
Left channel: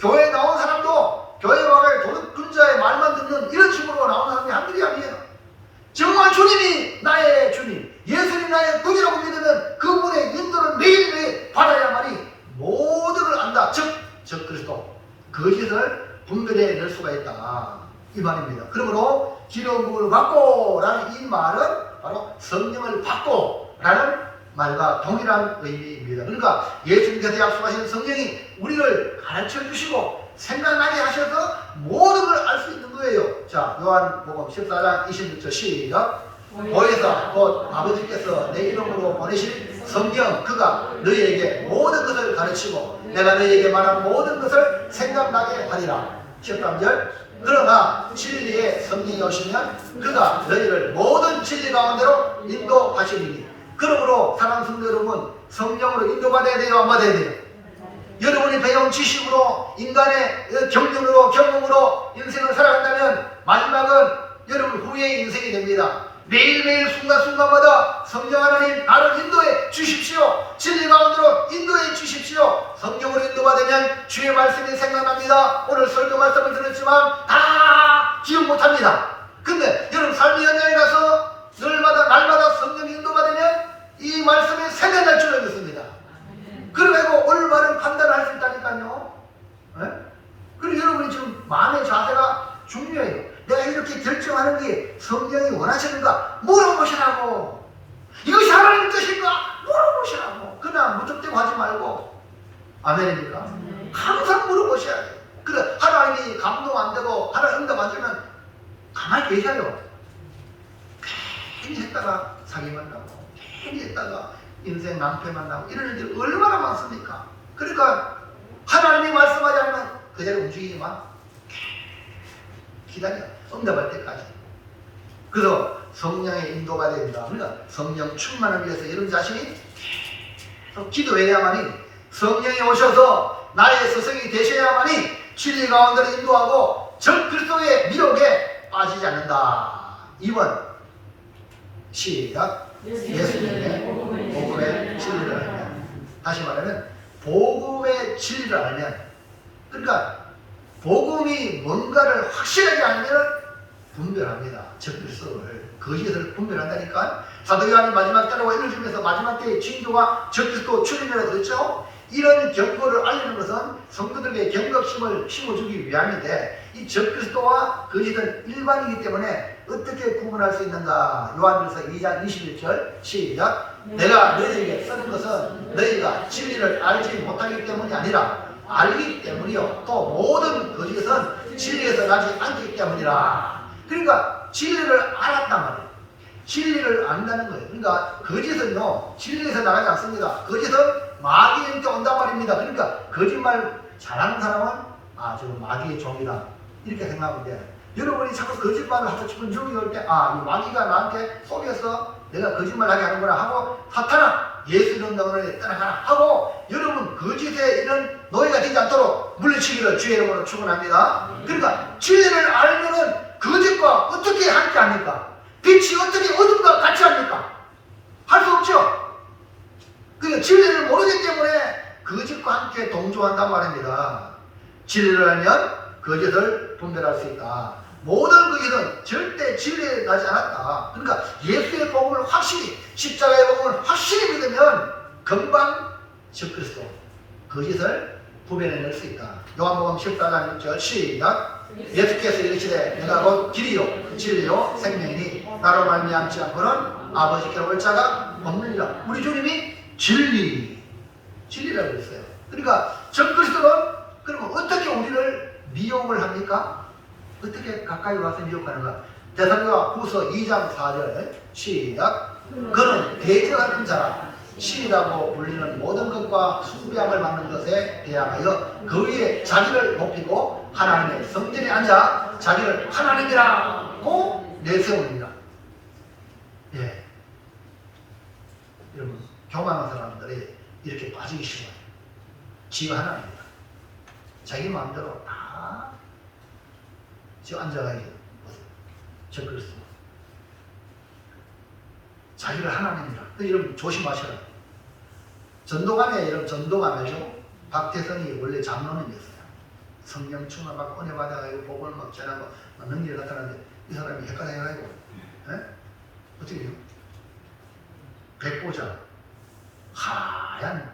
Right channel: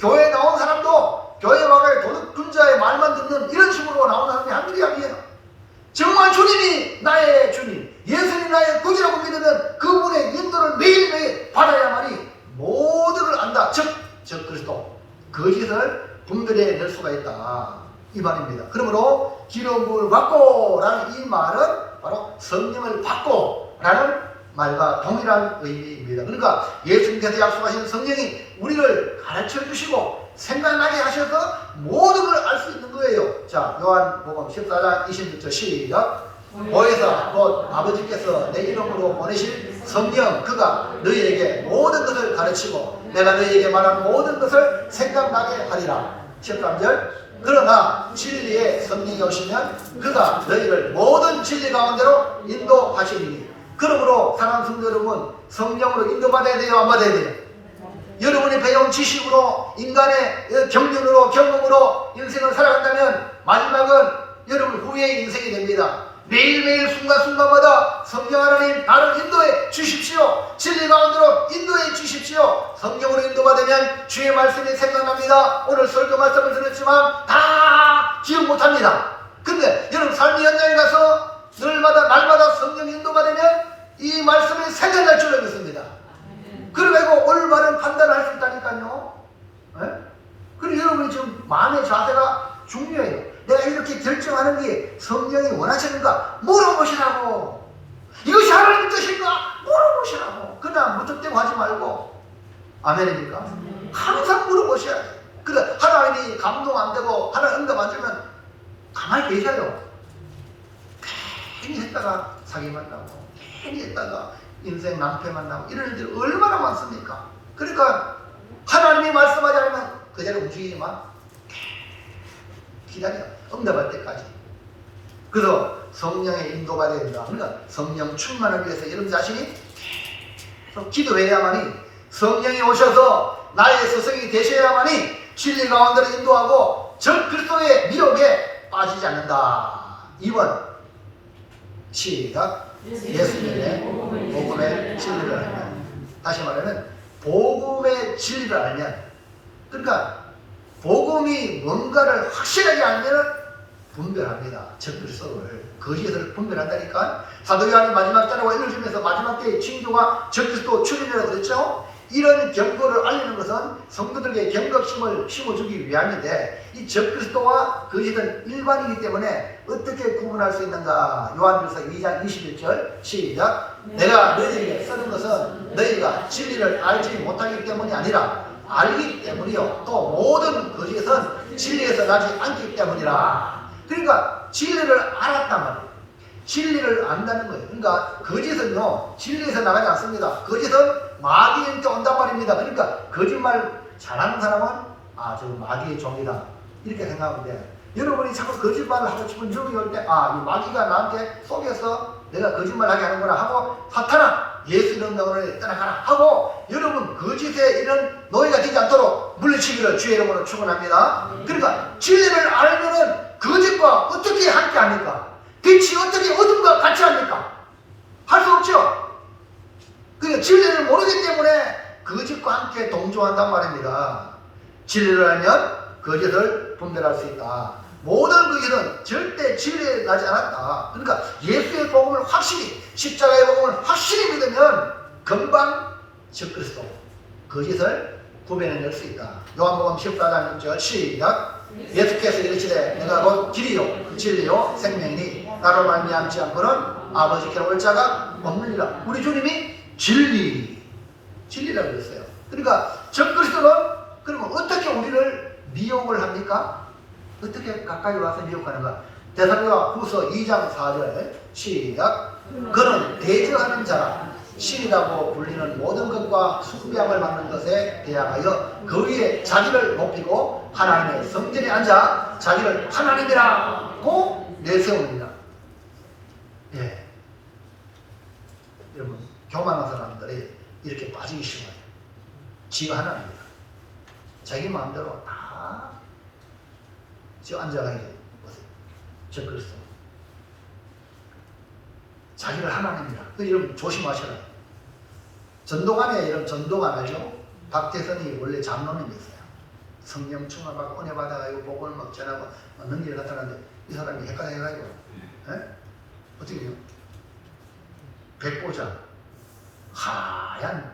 교회에 나온 사람도 교회 와가지고 도둑군자의 말만 듣는 이런 식으로 나오는 사람이 한둘이 아니에요. 정말 주님이 나의 주님, 예수님이 나의 구주라고 믿는 그분의 인도를 매일매일 받아야만이 모든 걸 안다. 즉 그리스도 거짓을 분별해 낼 수가 있다. 이 말입니다. 그러므로 기름 부음을 받고 라는 이 말은 바로 성령을 받고 라는 말과 동일한 의미입니다. 그러니까 예수님께서 약속하신 성령이 우리를 가르쳐 주시고 생각나게 하셔서 모든 걸 알 수 있는 거예요. 자, 요한복음 14장 26절 시작. 보혜사 곧 아버지께서 내 이름으로 보내신 성령, 그가 너희에게 모든 것을 가르치고 내가 너희에게 말한 모든 것을 생각나게 하리라. 13절. 그러나 진리의 성령이 오시면 그가 너희를 모든 진리 가운데로 인도하시리니. 그러므로 사랑하는 성도 여러분, 성령으로 인도받아야 돼요, 안 받아야 돼요? 여러분이 배운 지식으로, 인간의 경륜으로, 경험으로 인생을 살아간다면 마지막은 여러분 후회의 인생이 됩니다. 매일매일 순간순간마다 성령 하나님 나를 인도해 주십시오. 진리 가운데로 인도해 주십시오. 성령으로 인도받으면 주의 말씀이 생각납니다. 오늘 설교 말씀을 들었지만 다 기억 못합니다. 근데 여러분 삶의 현장에 가서 날마다 성령 인도받으면 이 말씀이 생각날 줄을 믿습니다. 그리고 올바른 판단을 할 수 있다니까요. 그리고 여러분이 지금 마음의 자세가 중요해요. 내가 이렇게 결정하는 게 성령이 원하시는가 물어보시라고. 이것이 하나님의 뜻인가 물어보시라고. 그냥 무턱대고 하지 말고. 아멘입니까? 항상 물어보셔야 돼요. 그래 하나님이 감동 안 되고 하나님 응답 안 되면 가만히 계셔요. 괜히 했다가 사기 만나고, 괜히 했다가 인생 낭패 만나고, 이런 일들이 얼마나 많습니까? 그러니까 하나님이 말씀하지 않으면 그대로 움직이지만 기다려. 응답할 때까지. 그래서 성령의 인도가 된다. 그러니까 성령 충만을 위해서 여러분 자신이 기도해야만이, 성령이 오셔서 나의 스승이 되셔야만이 진리 가운데로 인도하고 적 그리스도의 미혹에 빠지지 않는다. 2번 시작. 예수님의 복음의 진리를 알면. 다시 말하면 복음의 진리를 알면, 그러니까 복음이 뭔가를 확실하게 알면 분별합니다. 적 그리스도를, 거짓을 분별한다니까. 사도 요한이 마지막 때라고 읽어주면서 마지막 때의 징조가 적 그리스도 출현이라고 그랬죠. 이런 경고를 알리는 것은 성도들에게 경각심을 심어주기 위함인데, 이 적 그리스도와 거짓은 일반이기 때문에 어떻게 구분할 수 있는가. 요한일서 2장 21절 시작. 내가 너희에게 쓰는 것은 너희가 진리를 알지 못하기 때문이 아니라 알기 때문이요 또 모든 거짓은 진리에서 나지 않기 때문이라. 그러니까 진리를 알았단 말이에요. 진리를 안다는 거예요. 그러니까 거짓은요 진리에서 나가지 않습니다. 거짓은 마귀한테 온단 말입니다. 그러니까 거짓말 잘하는 사람은 저 마귀의 종이다 이렇게 생각하면 돼요. 여러분이 자꾸 거짓말을 하고 싶은 적이 올 때 이 마귀가 나한테 속여서 내가 거짓말하게 하는구나 하고 사탄아 예수 이름 명령에 따라가라 하고 여러분 거짓에 이런 노예가 되지 않도록 물리치기를 주의 이름으로 축원합니다. 그러니까 진리를 알면은 거짓과 어떻게 함께 합니까? 빛이 어떻게 어둠과 같이 합니까? 할 수 없죠. 그러니까 진리를 모르기 때문에 거짓과 함께 동조한단 말입니다. 진리를 알면 거짓을 분별할 수 있다. 모든 거짓은 절대 진리에 나지 않았다. 그러니까 예수의 복음을 확실히, 십자가의 복음을 확실히 믿으면 금방 적그리스도 거짓을 구별해낼 수 있다. 요한복음 14장 6절 시작. 예수께서 이르시되 내가 곧 길이요 진리요 생명이니 나로 말미암지 않고는 아버지께로 올 자가 없느니라. 우리 주님이 진리라고 그랬어요. 그러니까 적그리스도는 그러면 어떻게 우리를 미혹을 합니까? 어떻게 가까이 와서 미혹하는가? 데살로니가 후서 2장 4절 시작. 그는 대적하는 자라 신이라고 불리는 모든 것과 숭배함을 받는 것에 대항하여 그 위에 자기를 높이고 하나님의 성전에 앉아 자기를 하나님이라고 내세웁니다. 예. 여러분 교만한 사람들이 이렇게 빠지기 쉬워요. 지가 하나님이다. 자기 마음대로 다 지금 앉아가야 돼. 적그리스도. 자기를 하나님이라. 여러분 조심하셔라. 전도관에 이런 전도관 알죠? 박태선이 원래 장로님이었어요. 성령 충만 받고 은혜 받아가지고 복을 막 전하고 능력이 나타나는데 이 사람이 헷갈려가지고 어떻게 해요? 백보자 하얀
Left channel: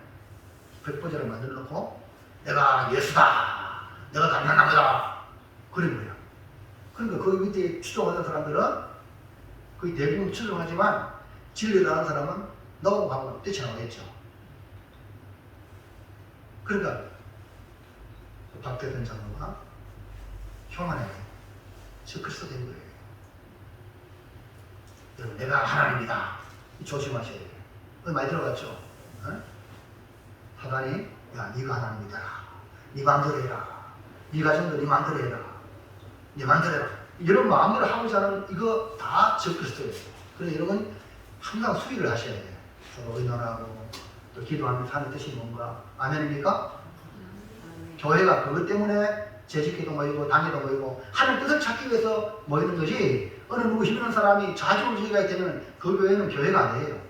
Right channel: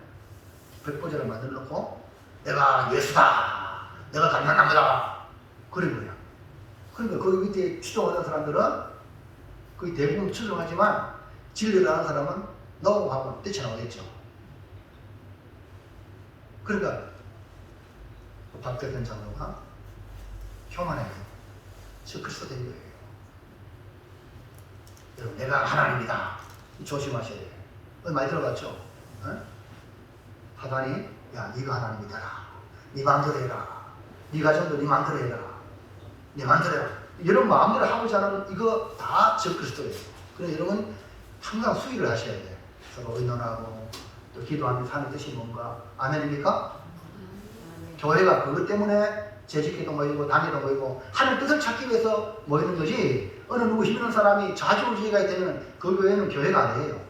백보자를 만들어 놓고 내가 예수다, 내가 감당합니다 그런 거야. 그러니까 거기 밑에 추종하는 사람들은 거의 대부분 추종하지만 진리를 아는 사람은 너무 하고 뛰쳐나오겠죠. 그러니까 박태선 장로가 교만해 적그리스도 된 거예요. 여러분 내가 하나님이다 조심하셔야 돼요. 많이 들어봤죠? 하다니 야 네가 하나님이다. 네 마음대로 해라. 네 가정도 네 마음대로 해라. 네 마음대로 해라. 이런 마음대로 하고자 하는 이거 다 적그리스도예요. 그래서 여러분 항상 수의를 하셔야 돼요. 서로 의논하고 또 기도하는 삶의 뜻이 뭔가. 아멘입니까? 교회가 그것 때문에 재직기도 모이고 단위도 모이고 하는 뜻을 찾기 위해서 모이는 거지 어느 누구 힘있는 사람이 좌지우지가 되면 그 교회는 교회가 아니에요.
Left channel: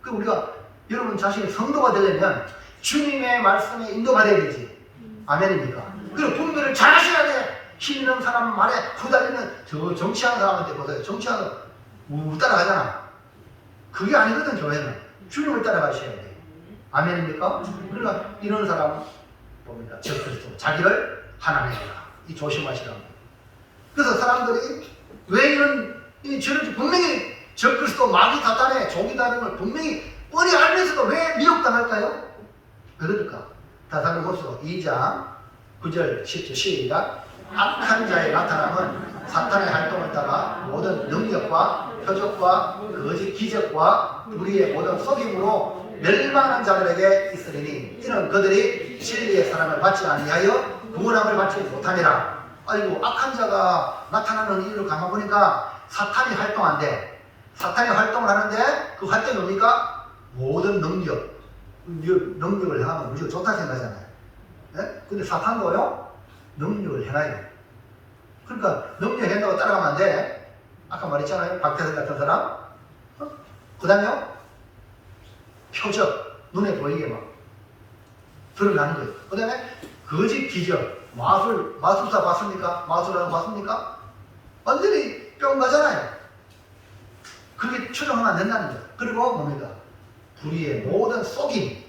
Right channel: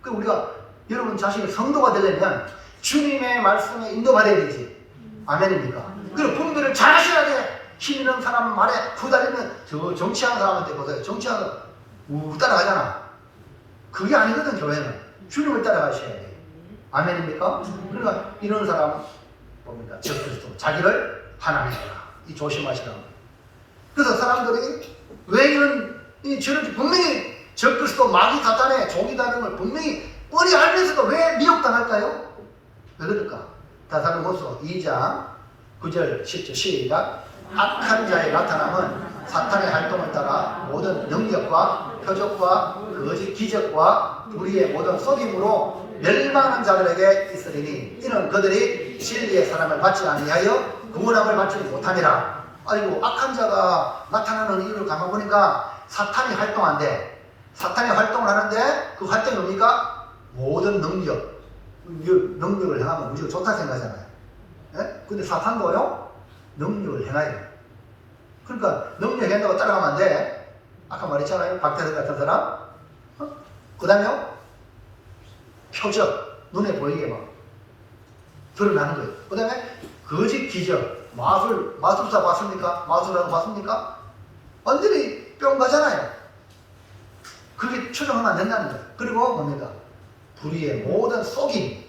그 우리가 여러분 자신이 성도가 되려면 주님의 말씀에 인도받아야 되지. 아멘입니까? 그리고 분별을 잘 하셔야 돼. 힘 있는 사람 말에 후달리면 저 정치하는 사람한테 보세요. 정치하는 따라가잖아. 그게 아니거든. 교회는 주님을 따라가셔야 돼. 아멘입니까? 그러니까 이런 사람 봅니다. 적그리스도 자기를 하나님이라. 이 조심하시라고. 그래서 사람들이 왜 저런 분명히 적그리스도 마귀 사탄의 종이다는 걸 분명히 뻔히 알면서도 왜 미혹당할까요? 왜 그럴까? 데살로니가서 2장 9절 10절 시작. 악한 자의 나타남은 사탄의 활동을 따라 모든 능력과 표적과 거짓 기적과 우리의 모든 속임으로 멸망한 자들에게 있으리니 이는 그들이 진리의 사랑을 받지 아니하여 구원함을 받지 못함이라. 아이고 악한 자가 나타나는 이유를 가만 보니까 사탄이 활동한대. 사탄이 활동을 하는데 그 활동이 뭡니까? 모든 능력을 행하면 무조건 좋다 생각하잖아요. 예? 근데 사탄도요 능력을 행해요. 그러니까 능력 행한다고 따라가면 안 돼. 아까 말했잖아요. 박태선 같은 사람. 그 다음에요 표적 눈에 보이게 막 드러나는 거예요. 그 다음에 거짓 기적 마술사 봤습니까? 마술하는 거 봤습니까? 완전히 뿅 가잖아요. 그게 추정하면 안 된다는 거예요. 그리고 뭡니까? 불의의 모든 속임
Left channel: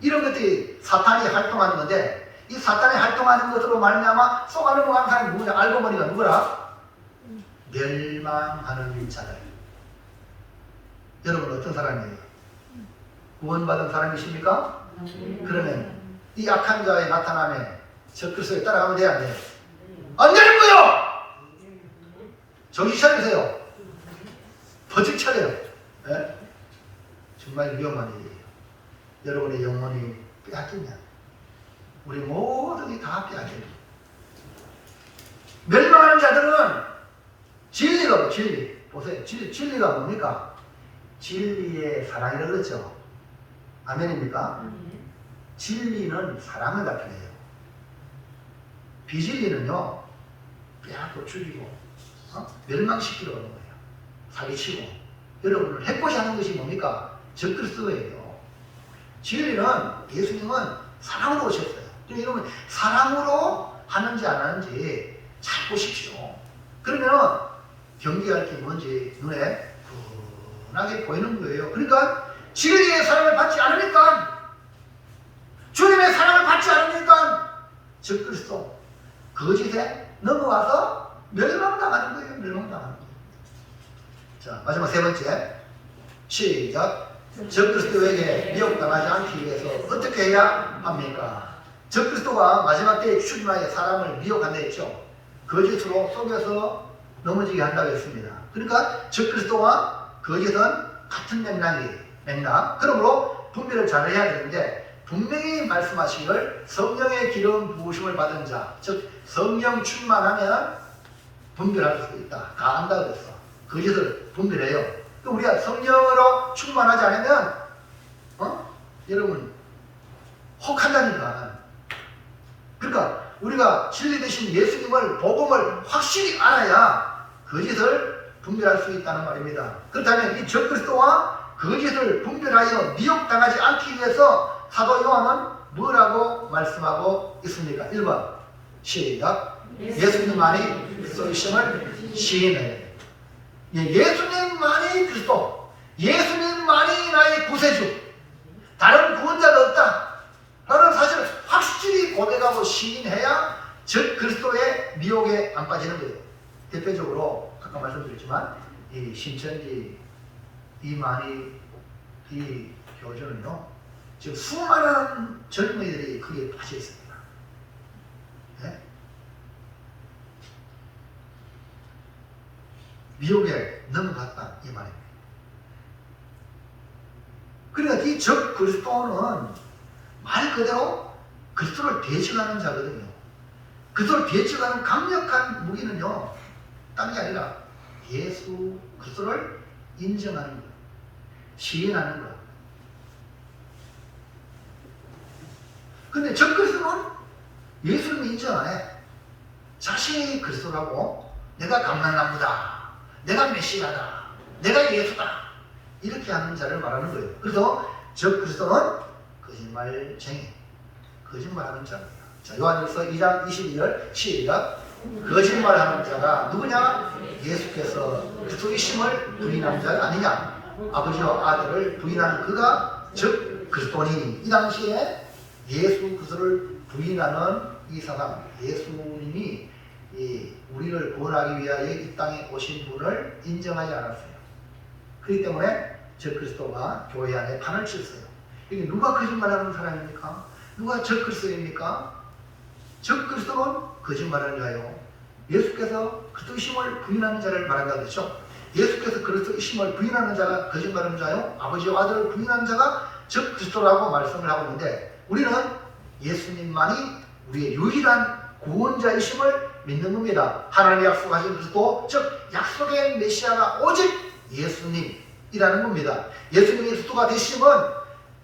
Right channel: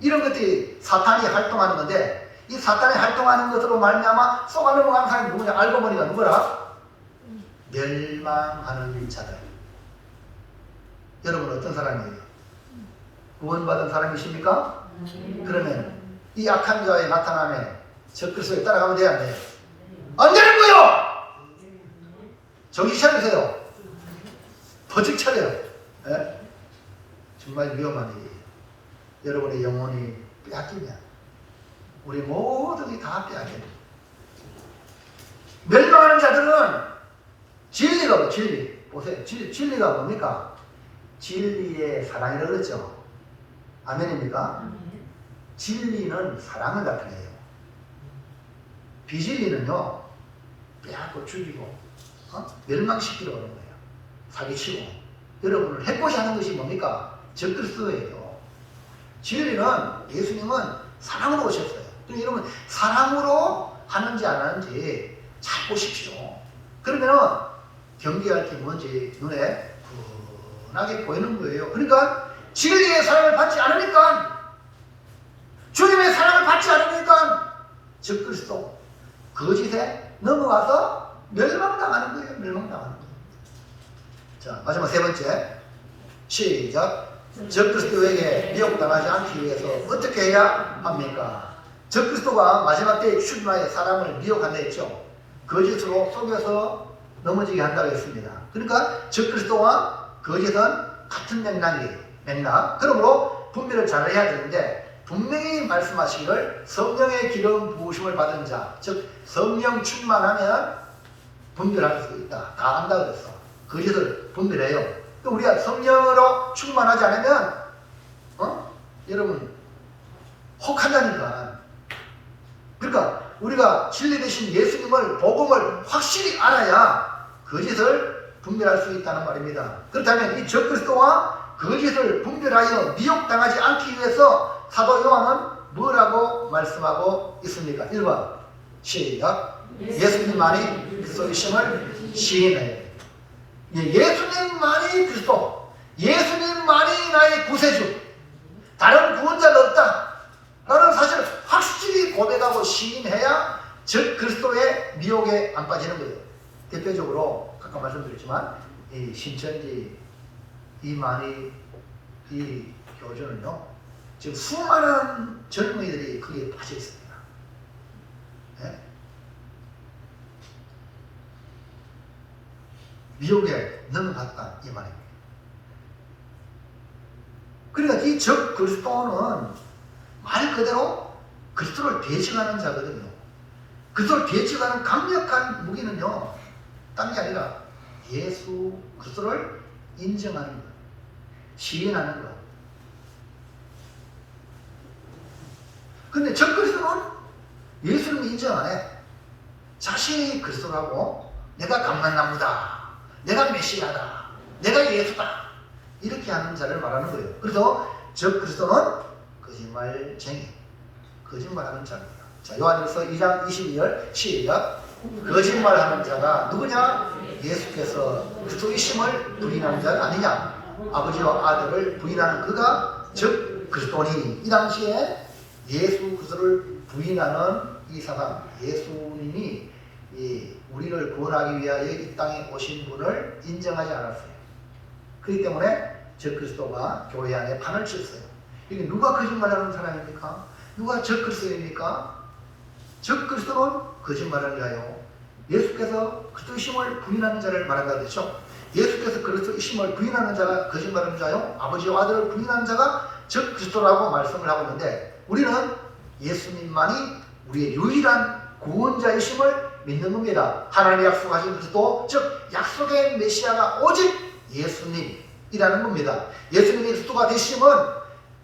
이런 것들이 사탄이 활동하는 건데 이 사탄이 활동하는 것으로 말미암아 속아 넘어가는 사람이 누구냐? 알고 보니까 누구라? 멸망하는 자들. 여러분 어떤 사람이에요? 구원받은 사람이십니까? 그러면 이 악한 자의 나타남에 적그리스도에 따라가면 돼야 안 돼요? 안 되는 거요! 정신 차리세요. 버직 차려요. 예? 정말 위험한 일이에요. 여러분의 영혼이 빼앗기면 우리 모든이 다 빼앗겨요. 멸망하는 자들은 진리가 뭐 진리 보세요. 진리가 뭡니까? 진리의 사랑이라고 그랬죠. 아멘입니까? 진리는 사랑을 나타내요. 비진리는요, 빼앗고 죽이고 멸망시키러 오는 거예요. 사기치고. 여러분을 해코지 하는 것이 뭡니까? 적그리스도예요. 진리는, 예수님은 사랑으로 오셨어요. 그러니까 여러분, 사랑으로 하는지 안 하는지 잘 보십시오. 그러면 경계할 게 뭔지 눈에 분하게 보이는 거예요. 그러니까 진리의 사랑을 받지 않으니까, 주님의 사랑을 받지 않으니까 적그리스도, 거짓에 넘어와서 멸망당하는 거예요. 멸망당하는 거예요. 자, 마지막 세 번째. 시작. 적그리스도에게 미혹당하지 않기 위해서 어떻게 해야 합니까? 적그리스도가 마지막 때에 출마해 사람을 미혹한다 했죠. 거짓으로 속여서 넘어지게 한다고 했습니다. 그러니까 적그리스도와 거짓은 같은 맥락. 그러므로 분별을 잘 해야 되는데, 분명히 말씀하시기를 성령의 기름 부으심을 받은 자, 즉 성령 충만하면 분별할 수 있다. 다 안다 그랬어. 거짓을 분별해요. 그러니까 우리가 성령으로 충만하지 않으면 여러분 혹한다니까. 그러니까 우리가 진리 되신 예수님을, 복음을 확실히 알아야 거짓을 분별할 수 있다는 말입니다. 그렇다면 이 적그리스도와 거짓을 분별하여 미혹당하지 않기 위해서 사도 요한은 뭐라고 말씀하고 있습니까? 1번 시작. 예수님만이 그리스도이심을 시인해요. 예수님만이 그리스도, 예수님만이 나의 구세주, 다른 구원자가 없다 라는 사실을 확실히 고백하고 시인해야 즉 그리스도의 미혹에 안 빠지는 거예요. 대표적으로 아까 말씀드렸지만 이 신천지 이만희 이 교주는요, 지금 수많은 젊은이들이 거기에 빠져 있습니다. 네? 미혹에 넘어갔다 이 말입니다. 그러니까 이 적 그리스도는 말 그대로 그리스도를 대적하는 자거든요. 그리스도를 대적하는 강력한 무기는요, 딴 게 아니라 예수 그리스도를 인정하는 것, 시인하는 것. 근데 적 그리스도는 예수님을 인정 안 해. 자신이 그리스도라고, 내가 감람나무다, 내가 메시아다, 내가 예수다, 이렇게 하는 자를 말하는 거예요. 그래서 적 그리스도는 거짓말쟁이, 거짓말하는 자입니다. 자, 요한일서 2장 22절 시작. 거짓말하는 자가 누구냐? 예수께서 그리스도이심을 부인하는 자가 아니냐? 아버지와 아들을 부인하는 그가 즉 그리스도니. 이 당시에 예수 그리스도를 부인하는 이 사람, 예수님이 우리를 구원하기 위하여 이 땅에 오신 분을 인정하지 않았어요. 그렇기 때문에 적 그리스도가 교회 안에 판을 쳤어요. 이게 누가 거짓말하는 사람입니까? 누가 적 그리스도입니까? 적 그리스도는 거짓말하는 자요, 예수께서 그리스도이심을 부인하는 자를 말한다 그랬죠. 예수께서 그리스도이심을 부인하는 자가 거짓말하는 자요, 아버지와 아들을 부인하는 자가 적 그리스도라고 말씀을 하고 있는데, 우리는 예수님만이 우리의 유일한 구원자이심을 믿는 겁니다. 하나님의 약속하신 그리스도, 즉 약속의 메시아가 오직 예수님이라는 겁니다. 예수님이 그리스도가 되심은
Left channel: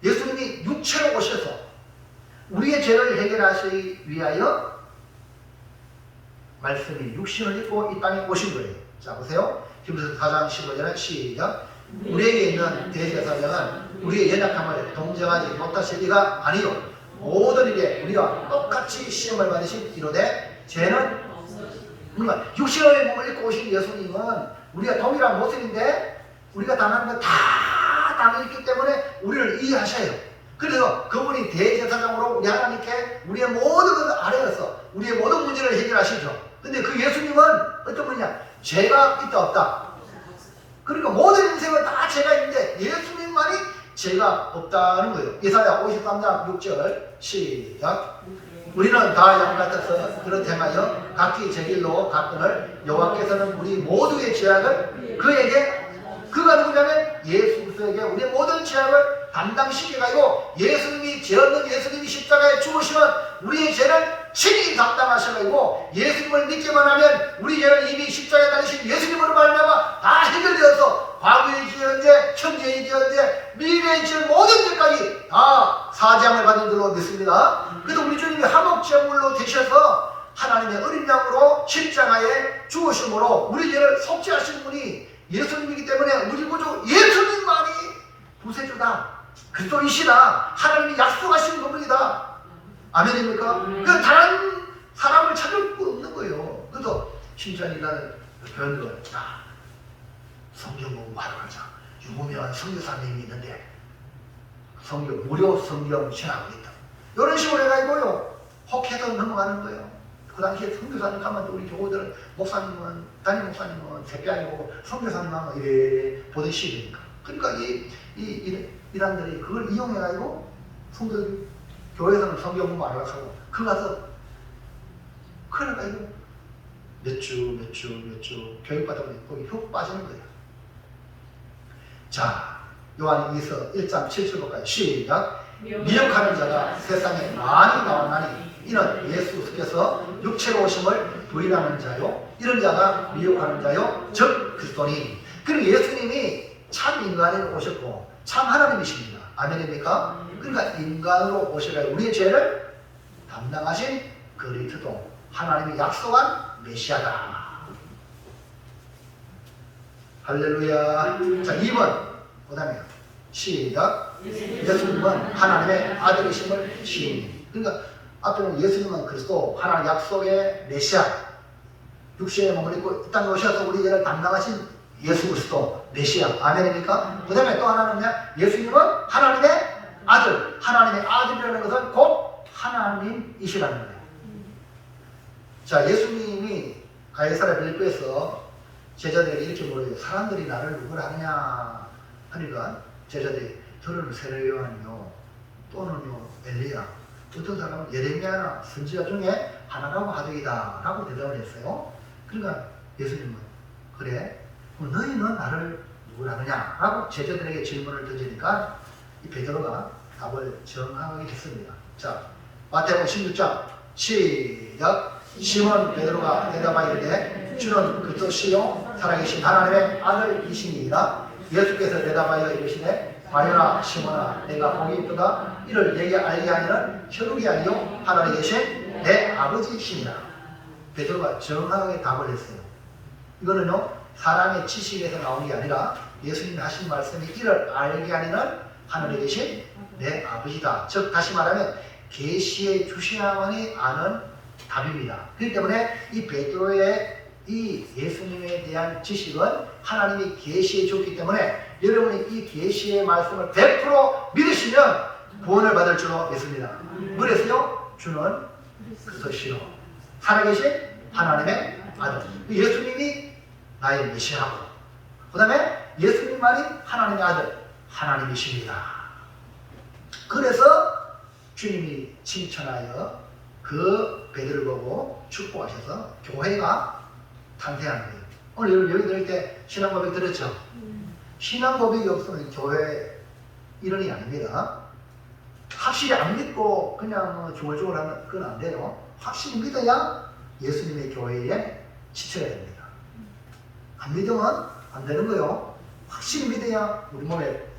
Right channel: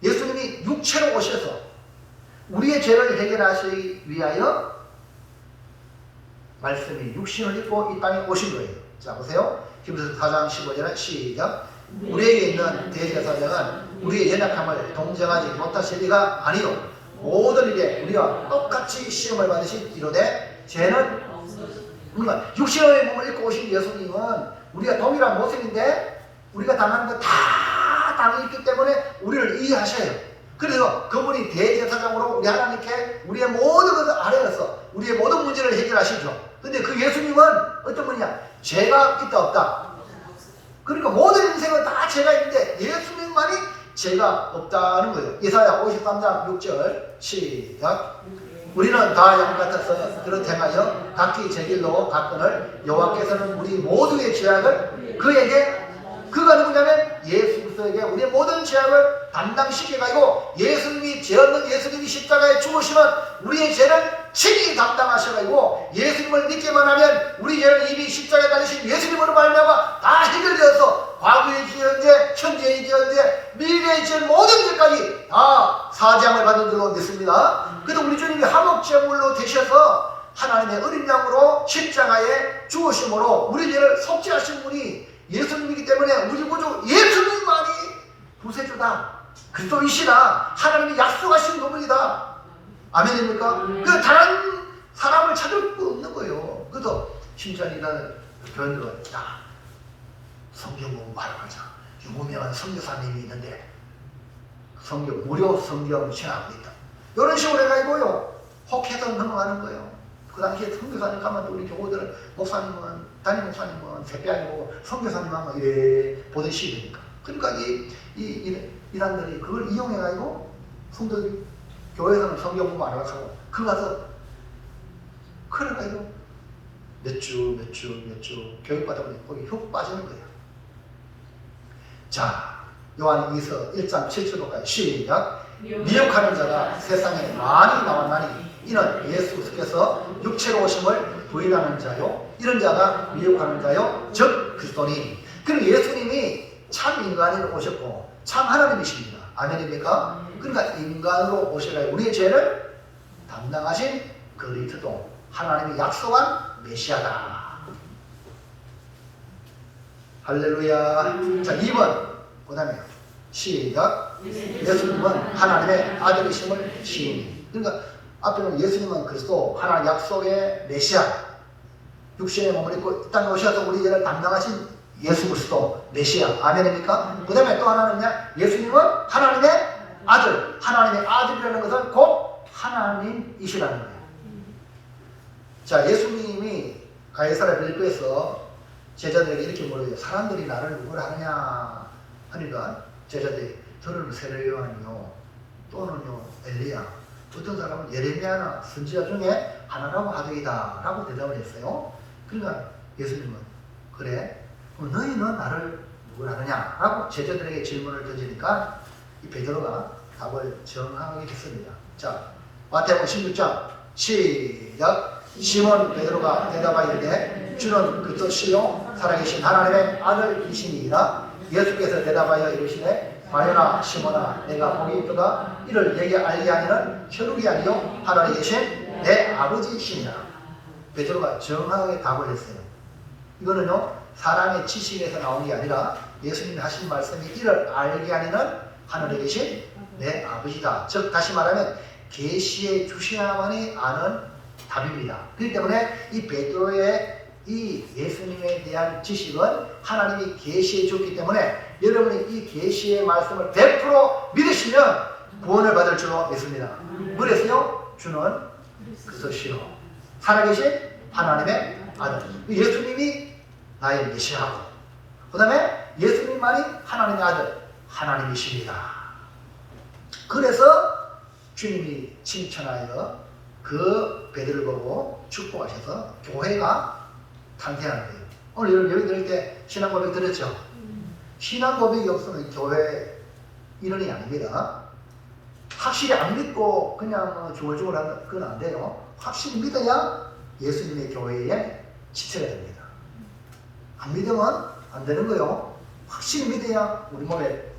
예수님이 육체로 오셔서 우리의 죄를 해결하시기 위하여 말씀이 육신을 입고 이 땅에 오신 거예요. 자, 보세요. 히브리서 4장 15절에 시작. 우리에게 있는 대제사장은 우리의 연약함을 동정하지 못하실 리가 아니요, 모든 일에 우리와 똑같이 시험을 받으신 이로되 죄는 그러니까 육신의 몸을 입고 오신 예수님은 우리가 동일한 모습인데 우리가 당하는 건 다 당했기 때문에 우리를 이해하셔요. 그래서 그분이 대제사장으로 우리 하나님께 우리의 모든 것을 아뢰어서 우리의 모든 문제를 해결하시죠. 근데 그 예수님은 어떤 분이냐? 죄가 있다 없다. 그러니까 모든 인생은 다 죄가 있는데 예수님만이 죄가 없다는 거예요. 이사야 53장 6절 시작. 우리는 다 영 같아서 그렇게 행하여 각기 제 길로 갔거늘 여호와께서는 우리 모두의 죄악을 그에게, 그가 누구냐면 예수 그리스도에게 우리의 모든 죄악을 담당시켜가지고, 예수님이 죄 없는 예수님이 십자가에 죽으시면 우리의 죄를 친히 담당하셔가지고, 예수님을 믿기만 하면 우리 죄는 이미 십자가에 달리신 예수님으로 말미암아 다 해결되어서 과거의 죄, 현재, 현재의 죄, 미래의 죄, 모든 죄까지 다 걸로 믿습니다. 그래도 우리 주님이 화목제물로 되셔서 하나님의 어린 양으로 십자가에 죽으심으로 우리 죄를 속죄하신 분이 예수님이기 때문에 우리 구주 예수님만이 구세주다, 그리스도이시다, 하나님이 약속하신 부분이다. 아멘입니까? 그 다른 사람을 찾을 수 없는 거예요. 그래서 심지어는 교인들은 야, 성경 공부하러 가자. 유명한 선교사님이 있는데 무료 성경 시행하고 있다. 이런 식으로 해가지고요, 혹해서 넘어가는 거예요. 그 당시에 선교사님 가면 우리 교우들은 목사님은, 담임 목사님은 새벽에 보고 선교사님 하면 이래 보듯이 되니까. 그러니까 이단들이 그걸 이용해가지고 성도들이 교회에서는 성경 공부 안 하고 그 가서 그래가지고 몇 주 교육받다 보니 거기 훅 빠지는 거예요. 자, 요한 2서 1장 7절까지 시작. 미혹하는 자가 세상에 많이 나왔나니 이는 예수께서 육체로 오심을 부인하는 자요, 이런 자가 미혹하는 자요, 즉 그리스도니. 그리고 예수님이 참 인간으로 오셨고 참 하나님이십니다. 아멘입니까? 그러니까 인간으로 오셔가 우리의 죄를 담당하신 그리스도, 하나님이 약속한 메시아다. 할렐루야. 자, 2번 그 다음에 시작. 예수님은 하나님의 아들이심을 시인이. 그러니까 앞에는 예수님은 그리스도, 하나님 약속의 메시아, 육신의 몸을 입고 이 땅에 오셔서 우리 죄를 담당하신 예수 그리스도 메시아. 아멘입니까? 그 다음에 또 하나는 예수님은 하나님의 아들. 하나님의 아들이라는 것은 곧 하나님이시라는 거예요. 자, 예수님이 가이사랴 빌립보에서 제자들에게 이렇게 물어요. 사람들이 나를 누구를 하느냐 하니까 제자들이 저는 세례 요한이요, 또는요 엘리야, 어떤 사람은 예레미야나 선지자 중에 하나라고 하더이다 라고 대답을 했어요. 그러니까 예수님은 그래? 그럼 너희는 나를 누구를 하느냐? 라고 제자들에게 질문을 던지니까 이 베드로가 답을 정확하게 했습니다. 자, 마태복음 16장 시작. 시몬 베드로가 대답하여 이르되 주는 그리스도시요 살아계신 하나님의 아들이시니이다. 예수께서 대답하여 이르시되 마려나 시몬아, 내가 복이 있도다. 이를 내게 알게 하니는 혈육이 아니요 하늘에 계신 내 아버지시니라. 베드로가 정확하게 답을 했어요. 이거는요 사람의 지식에서 나온 게 아니라 예수님이 하신 말씀이 이를 알게 하니는 하늘에 계신 내 아버지다. 즉 다시 말하면 계시에 주셔야만이 아는 답입니다. 그렇기 때문에 이 베드로의 이 예수님에 대한 지식은 하나님이 계시해 줬기 때문에 여러분이 이 계시의 말씀을 100% 믿으시면 구원을 받을 줄로 믿습니다. 그래서요, 주는 그리스도시요 살아계신 하나님의 아들. 예수님이 나의 메시아고, 그 다음에 예수님만이 하나님의 아들, 하나님이십니다. 그래서 주님이 칭찬하여 그 베드로를 보고 축복하셔서 교회가 탄생하는 거예요. 오늘 여러분 여기 이렇게 신앙 고백 들었죠? 신앙 고백이 없으면 교회 일원이 아닙니다. 확실히 안 믿고 그냥 중얼중얼 하면 그건 안 돼요. 확실히 믿어야 예수님의 교회에 지체가 됩니다. 안 믿으면 안 되는 거예요. 확실히 믿어야 우리 몸에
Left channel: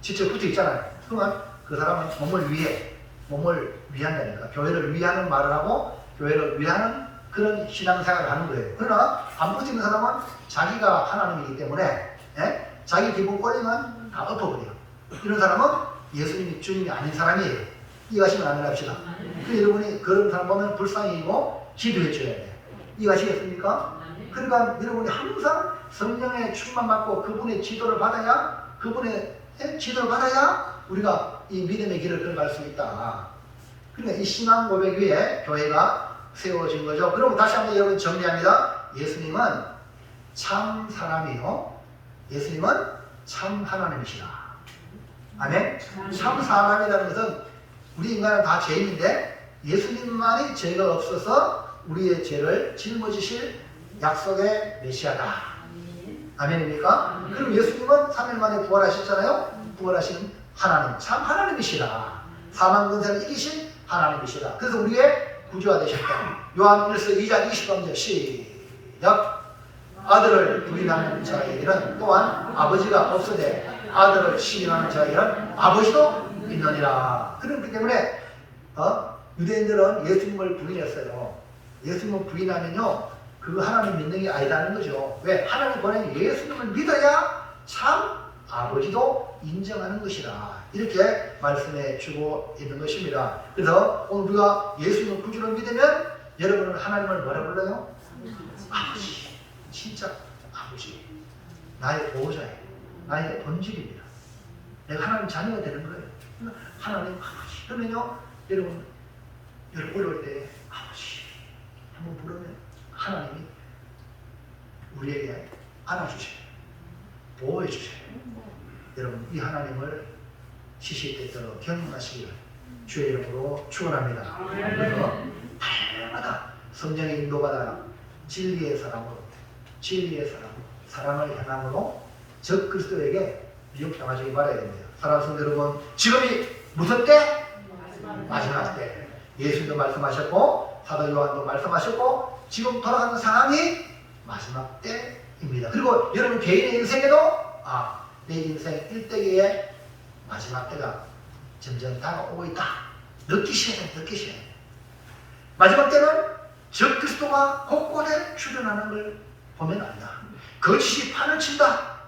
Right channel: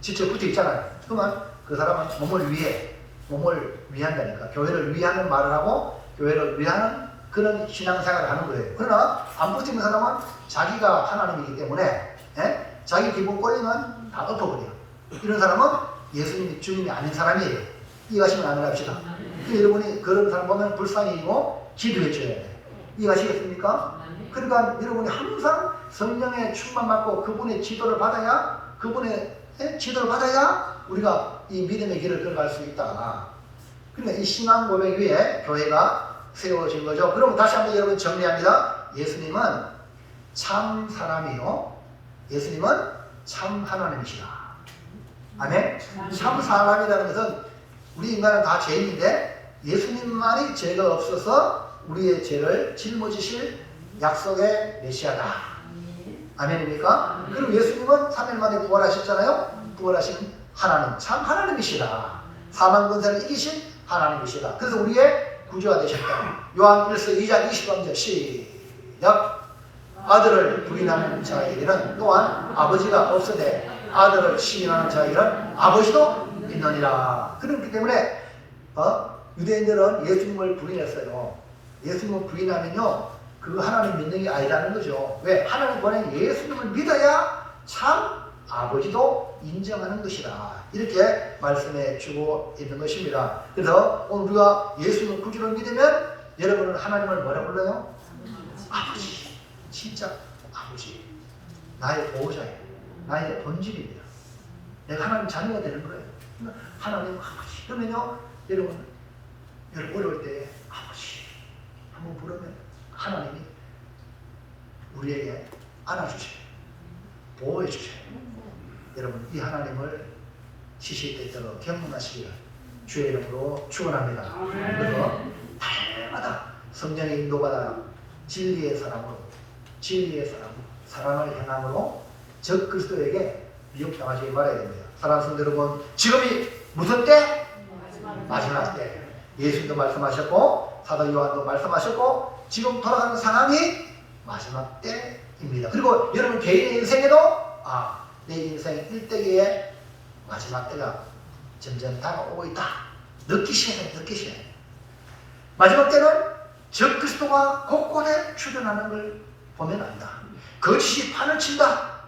지체 붙어 있잖아요. 그러면 그 사람은 몸을 위한다니까. 교회를 위하는 말을 하고 교회를 위하는 그런 신앙생활을 하는 거예요. 그러나 안 붙이는 사람은 자기가 하나님이기 때문에 자기 기분 꼴리면 다 엎어버려요. 이런 사람은 예수님이 주님이 아닌 사람이에요. 이해하시면 안 합시다. 여러분이 그런 사람 보면 불쌍히고 기도해 줘야 돼요. 이해하시겠습니까? 그러니까 여러분이 항상 성령의 충만 받고 그분의 지도를 받아야 우리가 이 믿음의 길을 걸어갈 수 있다. 그러니까 이 신앙 고백 위에 교회가 세워진 거죠. 그럼 다시 한번 여러분 정리합니다. 예수님은 참 사람이요, 예수님은 참 하나님이시다. 아멘. 참 사람이라는 것은 우리 인간은 다 죄인인데 예수님만이 죄가 없어서 우리의 죄를 짊어지실 약속의 메시아다. 아멘입니까? 그럼 예수님은 3일 만에 부활하셨잖아요. 부활하신 하나님, 참 하나님이시다. 사망 권세를 이기신 하나님이시다. 그래서 우리의 구주가 되셨다. 요한 1서 2장 20절 시작. 아들을 부인하는 자에게는 또한 아버지가 없으되 아들을 시인하는 자에게는 아버지도 있느니라. 그렇기 때문에 유대인들은 예수님을 부인했어요. 예수님을 부인하면요, 그 하나님 믿는 게 아니라는 거죠. 왜? 하나님 보낸 예수님을 믿어야 참 아버지도 인정하는 것이다. 이렇게 말씀해 주고 있는 것입니다. 그래서 오늘 우리가 예수님을 구주로 믿으면 여러분은 하나님을 뭐라 불러요? 아버지. 진짜 아버지. 나의 보호자예요. 나의 본질입니다. 내가 하나님 자녀가 되는 거예요. 하나님 아버지. 그러면요, 여러분 어려울 때 아버지 한번 부르면 하나님이 우리에게 안아주세요. 보호해 주세요. 여러분 이 하나님을 시시때때로 경험하시기를 주의 이름으로 축원합니다. 그래서 날마다 성령의 인도받아 진리의 사람으로 사랑을 행함으로 적 그리스도에게 미혹당하지 말아야 됩니다. 사랑하는 성도 여러분, 지금이 무슨 때? 마지막 때. 예수님도 말씀하셨고 사도 요한도 말씀하셨고 지금 돌아가는 상황이 마지막 때입니다. 그리고 여러분 개인의 인생에도 내 인생 일대기의 마지막 때가 점점 다가오고 있다. 느끼셔야 돼요. 마지막 때는 적 그리스도가 곳곳에 출현하는 걸 보면 안다. 거짓이 판을 친다.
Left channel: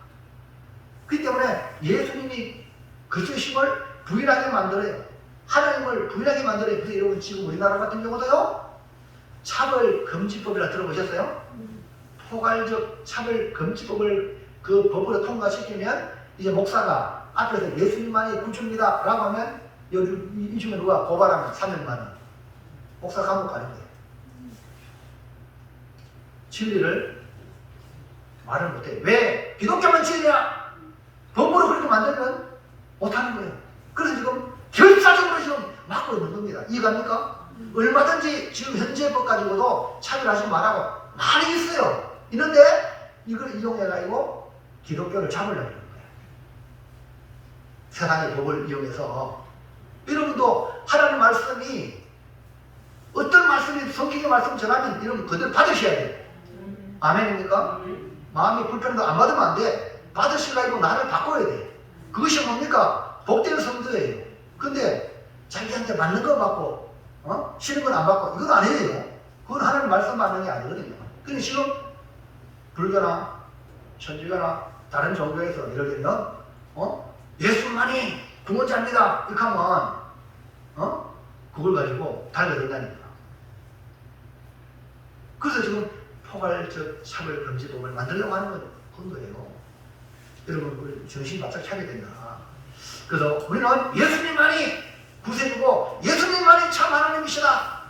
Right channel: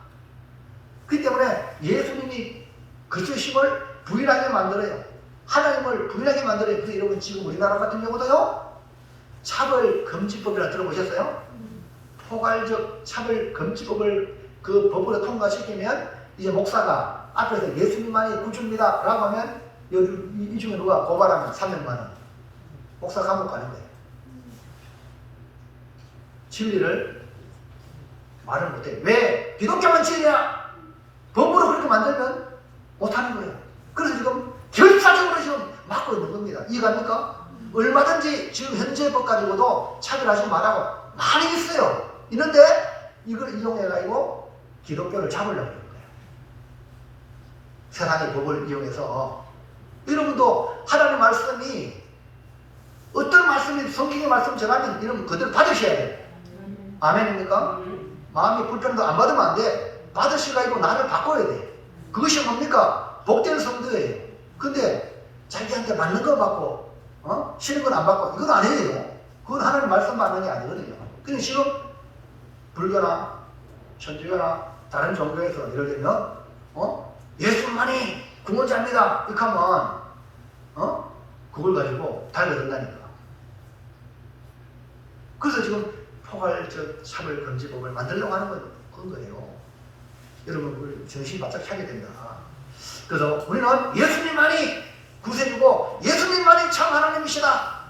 그렇기 때문에 예수님이 그리스도의 힘을 부인하게 만들어요. 하나님을 부인하게 만들어요. 그래서 여러분 지금 우리나라 같은 경우도요, 차별금지법이라 들어보셨어요? 포괄적 차별금지법을 그 법으로 통과시키면 이제 목사가 앞에서 예수님만이 구주입니다 라고 하면 이 중에 누가 고발하면 3년만원 목사 감옥 가는 거예요. 진리를 말을 못해요. 왜? 기독교만 진리냐? 법으로 그렇게 만들면 못하는 거예요. 그래서 지금 결사적으로 지금 막고 있는 겁니다. 이해갑니까? 얼마든지 지금 현재 법 가지고도 차별하지 말라고 많이 있어요. 있는데 이걸 이용해가지고 기독교를 잡으려고 하는 거예요. 세상의 법을 이용해서. 여러분도 하나님의 말씀이 어떤 말씀이 성경의 말씀 전하면 여러분 그대로 받으셔야 돼요. 아멘입니까? 마음이 불편해도 안 받으면 안 돼. 받으시라고 나를 바꿔야 돼. 그것이 뭡니까? 복된 성도예요. 근데 자기한테 맞는 거 받고 싫은 건 안 받고 이건 아니에요. 그건 하나님 말씀 반응이 아니거든요. 근데 지금 불교나 천주교나 다른 종교에서 예를 들면 예수만이 구원자입니다 이렇게 하면 그걸 가지고 달려든다니까. 그래서 지금 포괄적 차별금지법을 만들려고 하는 거예요. 여러분 우리 정신 바짝 차게 됩니다. 그래서 우리는 예수님만이 구세주고 예수님만이 참 하나님이시다.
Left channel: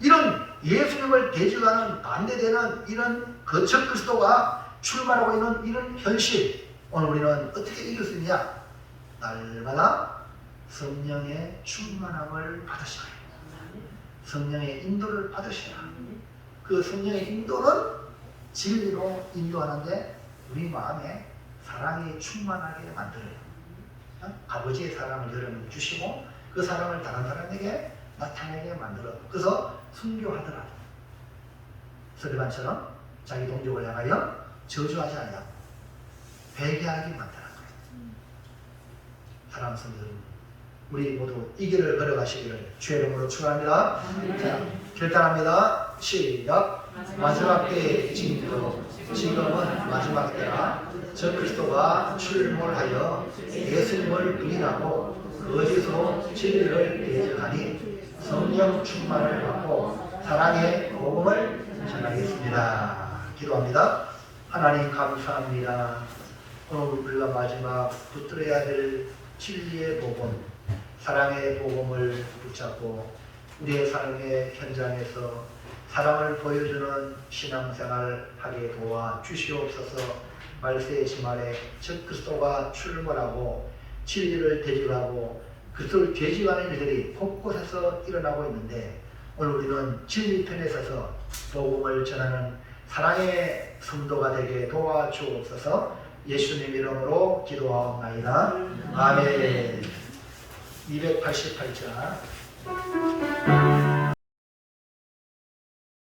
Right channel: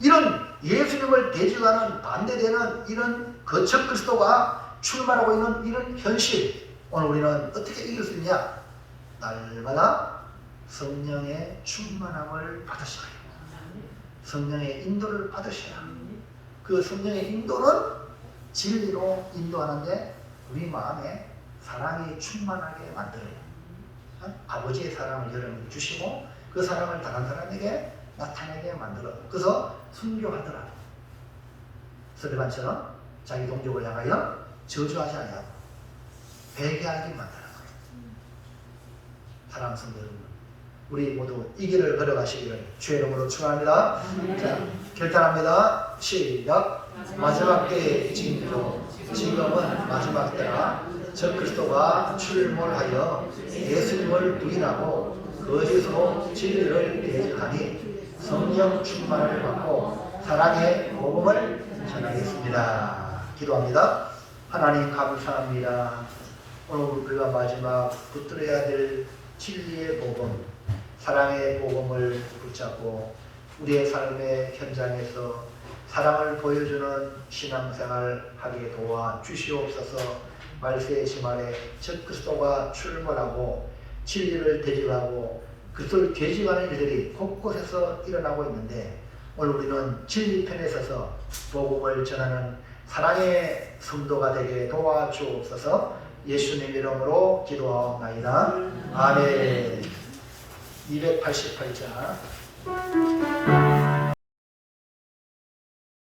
이런 예수님을 대적하는 반대되는 이런 거짓 그리스도가 출발하고 있는 이런 현실, 오늘 우리는 어떻게 이길 수 있냐? 날마다 성령의 충만함을 받으셔야 해요. 성령의 인도를 받으셔야 해요. 그 성령의 인도는 진리로 인도하는데 우리 마음에 사랑이 충만하게 만들어요. 아버지의 사랑을 여러분 주시고 그 사랑을 다른 사람에게 나타나게 만들어요. 그래서 순교하더라도 스데반처럼 자기 동족을 향하여 저주하지 않아요. 회개하게 만들어요. 사랑하는 성도 여러분, 우리 모두 이 길을 걸어가시기를 주의 이름으로 축원합니다. 자, 결단합니다. 시작. 마지막 때의 징조, 지금은 마지막 때라. 적 그리스도가 출몰하여 예수님을 부인하고 거짓으로 진리를 대적하니 성령 충만을 받고 사랑의 복음을 전하겠습니다. 기도합니다. 하나님 감사합니다. 오늘 우리가 마지막 붙들어야 될 진리의 복음, 사랑의 복음을 붙잡고 우리의 삶의 현장에서 사랑을 보여주는 신앙생활을 하게 도와 주시옵소서. 말세의 지말에 적 그리스도가 출몰하고 진리를 대적하고 그리스도를 대적하는 일들이 곳곳에서 일어나고 있는데 오늘 우리는 진리 편에 서서 복음을 전하는 사랑의 성도가 되게 도와주옵소서. 예수님 이름으로 기도하옵나이다. 아멘. 288자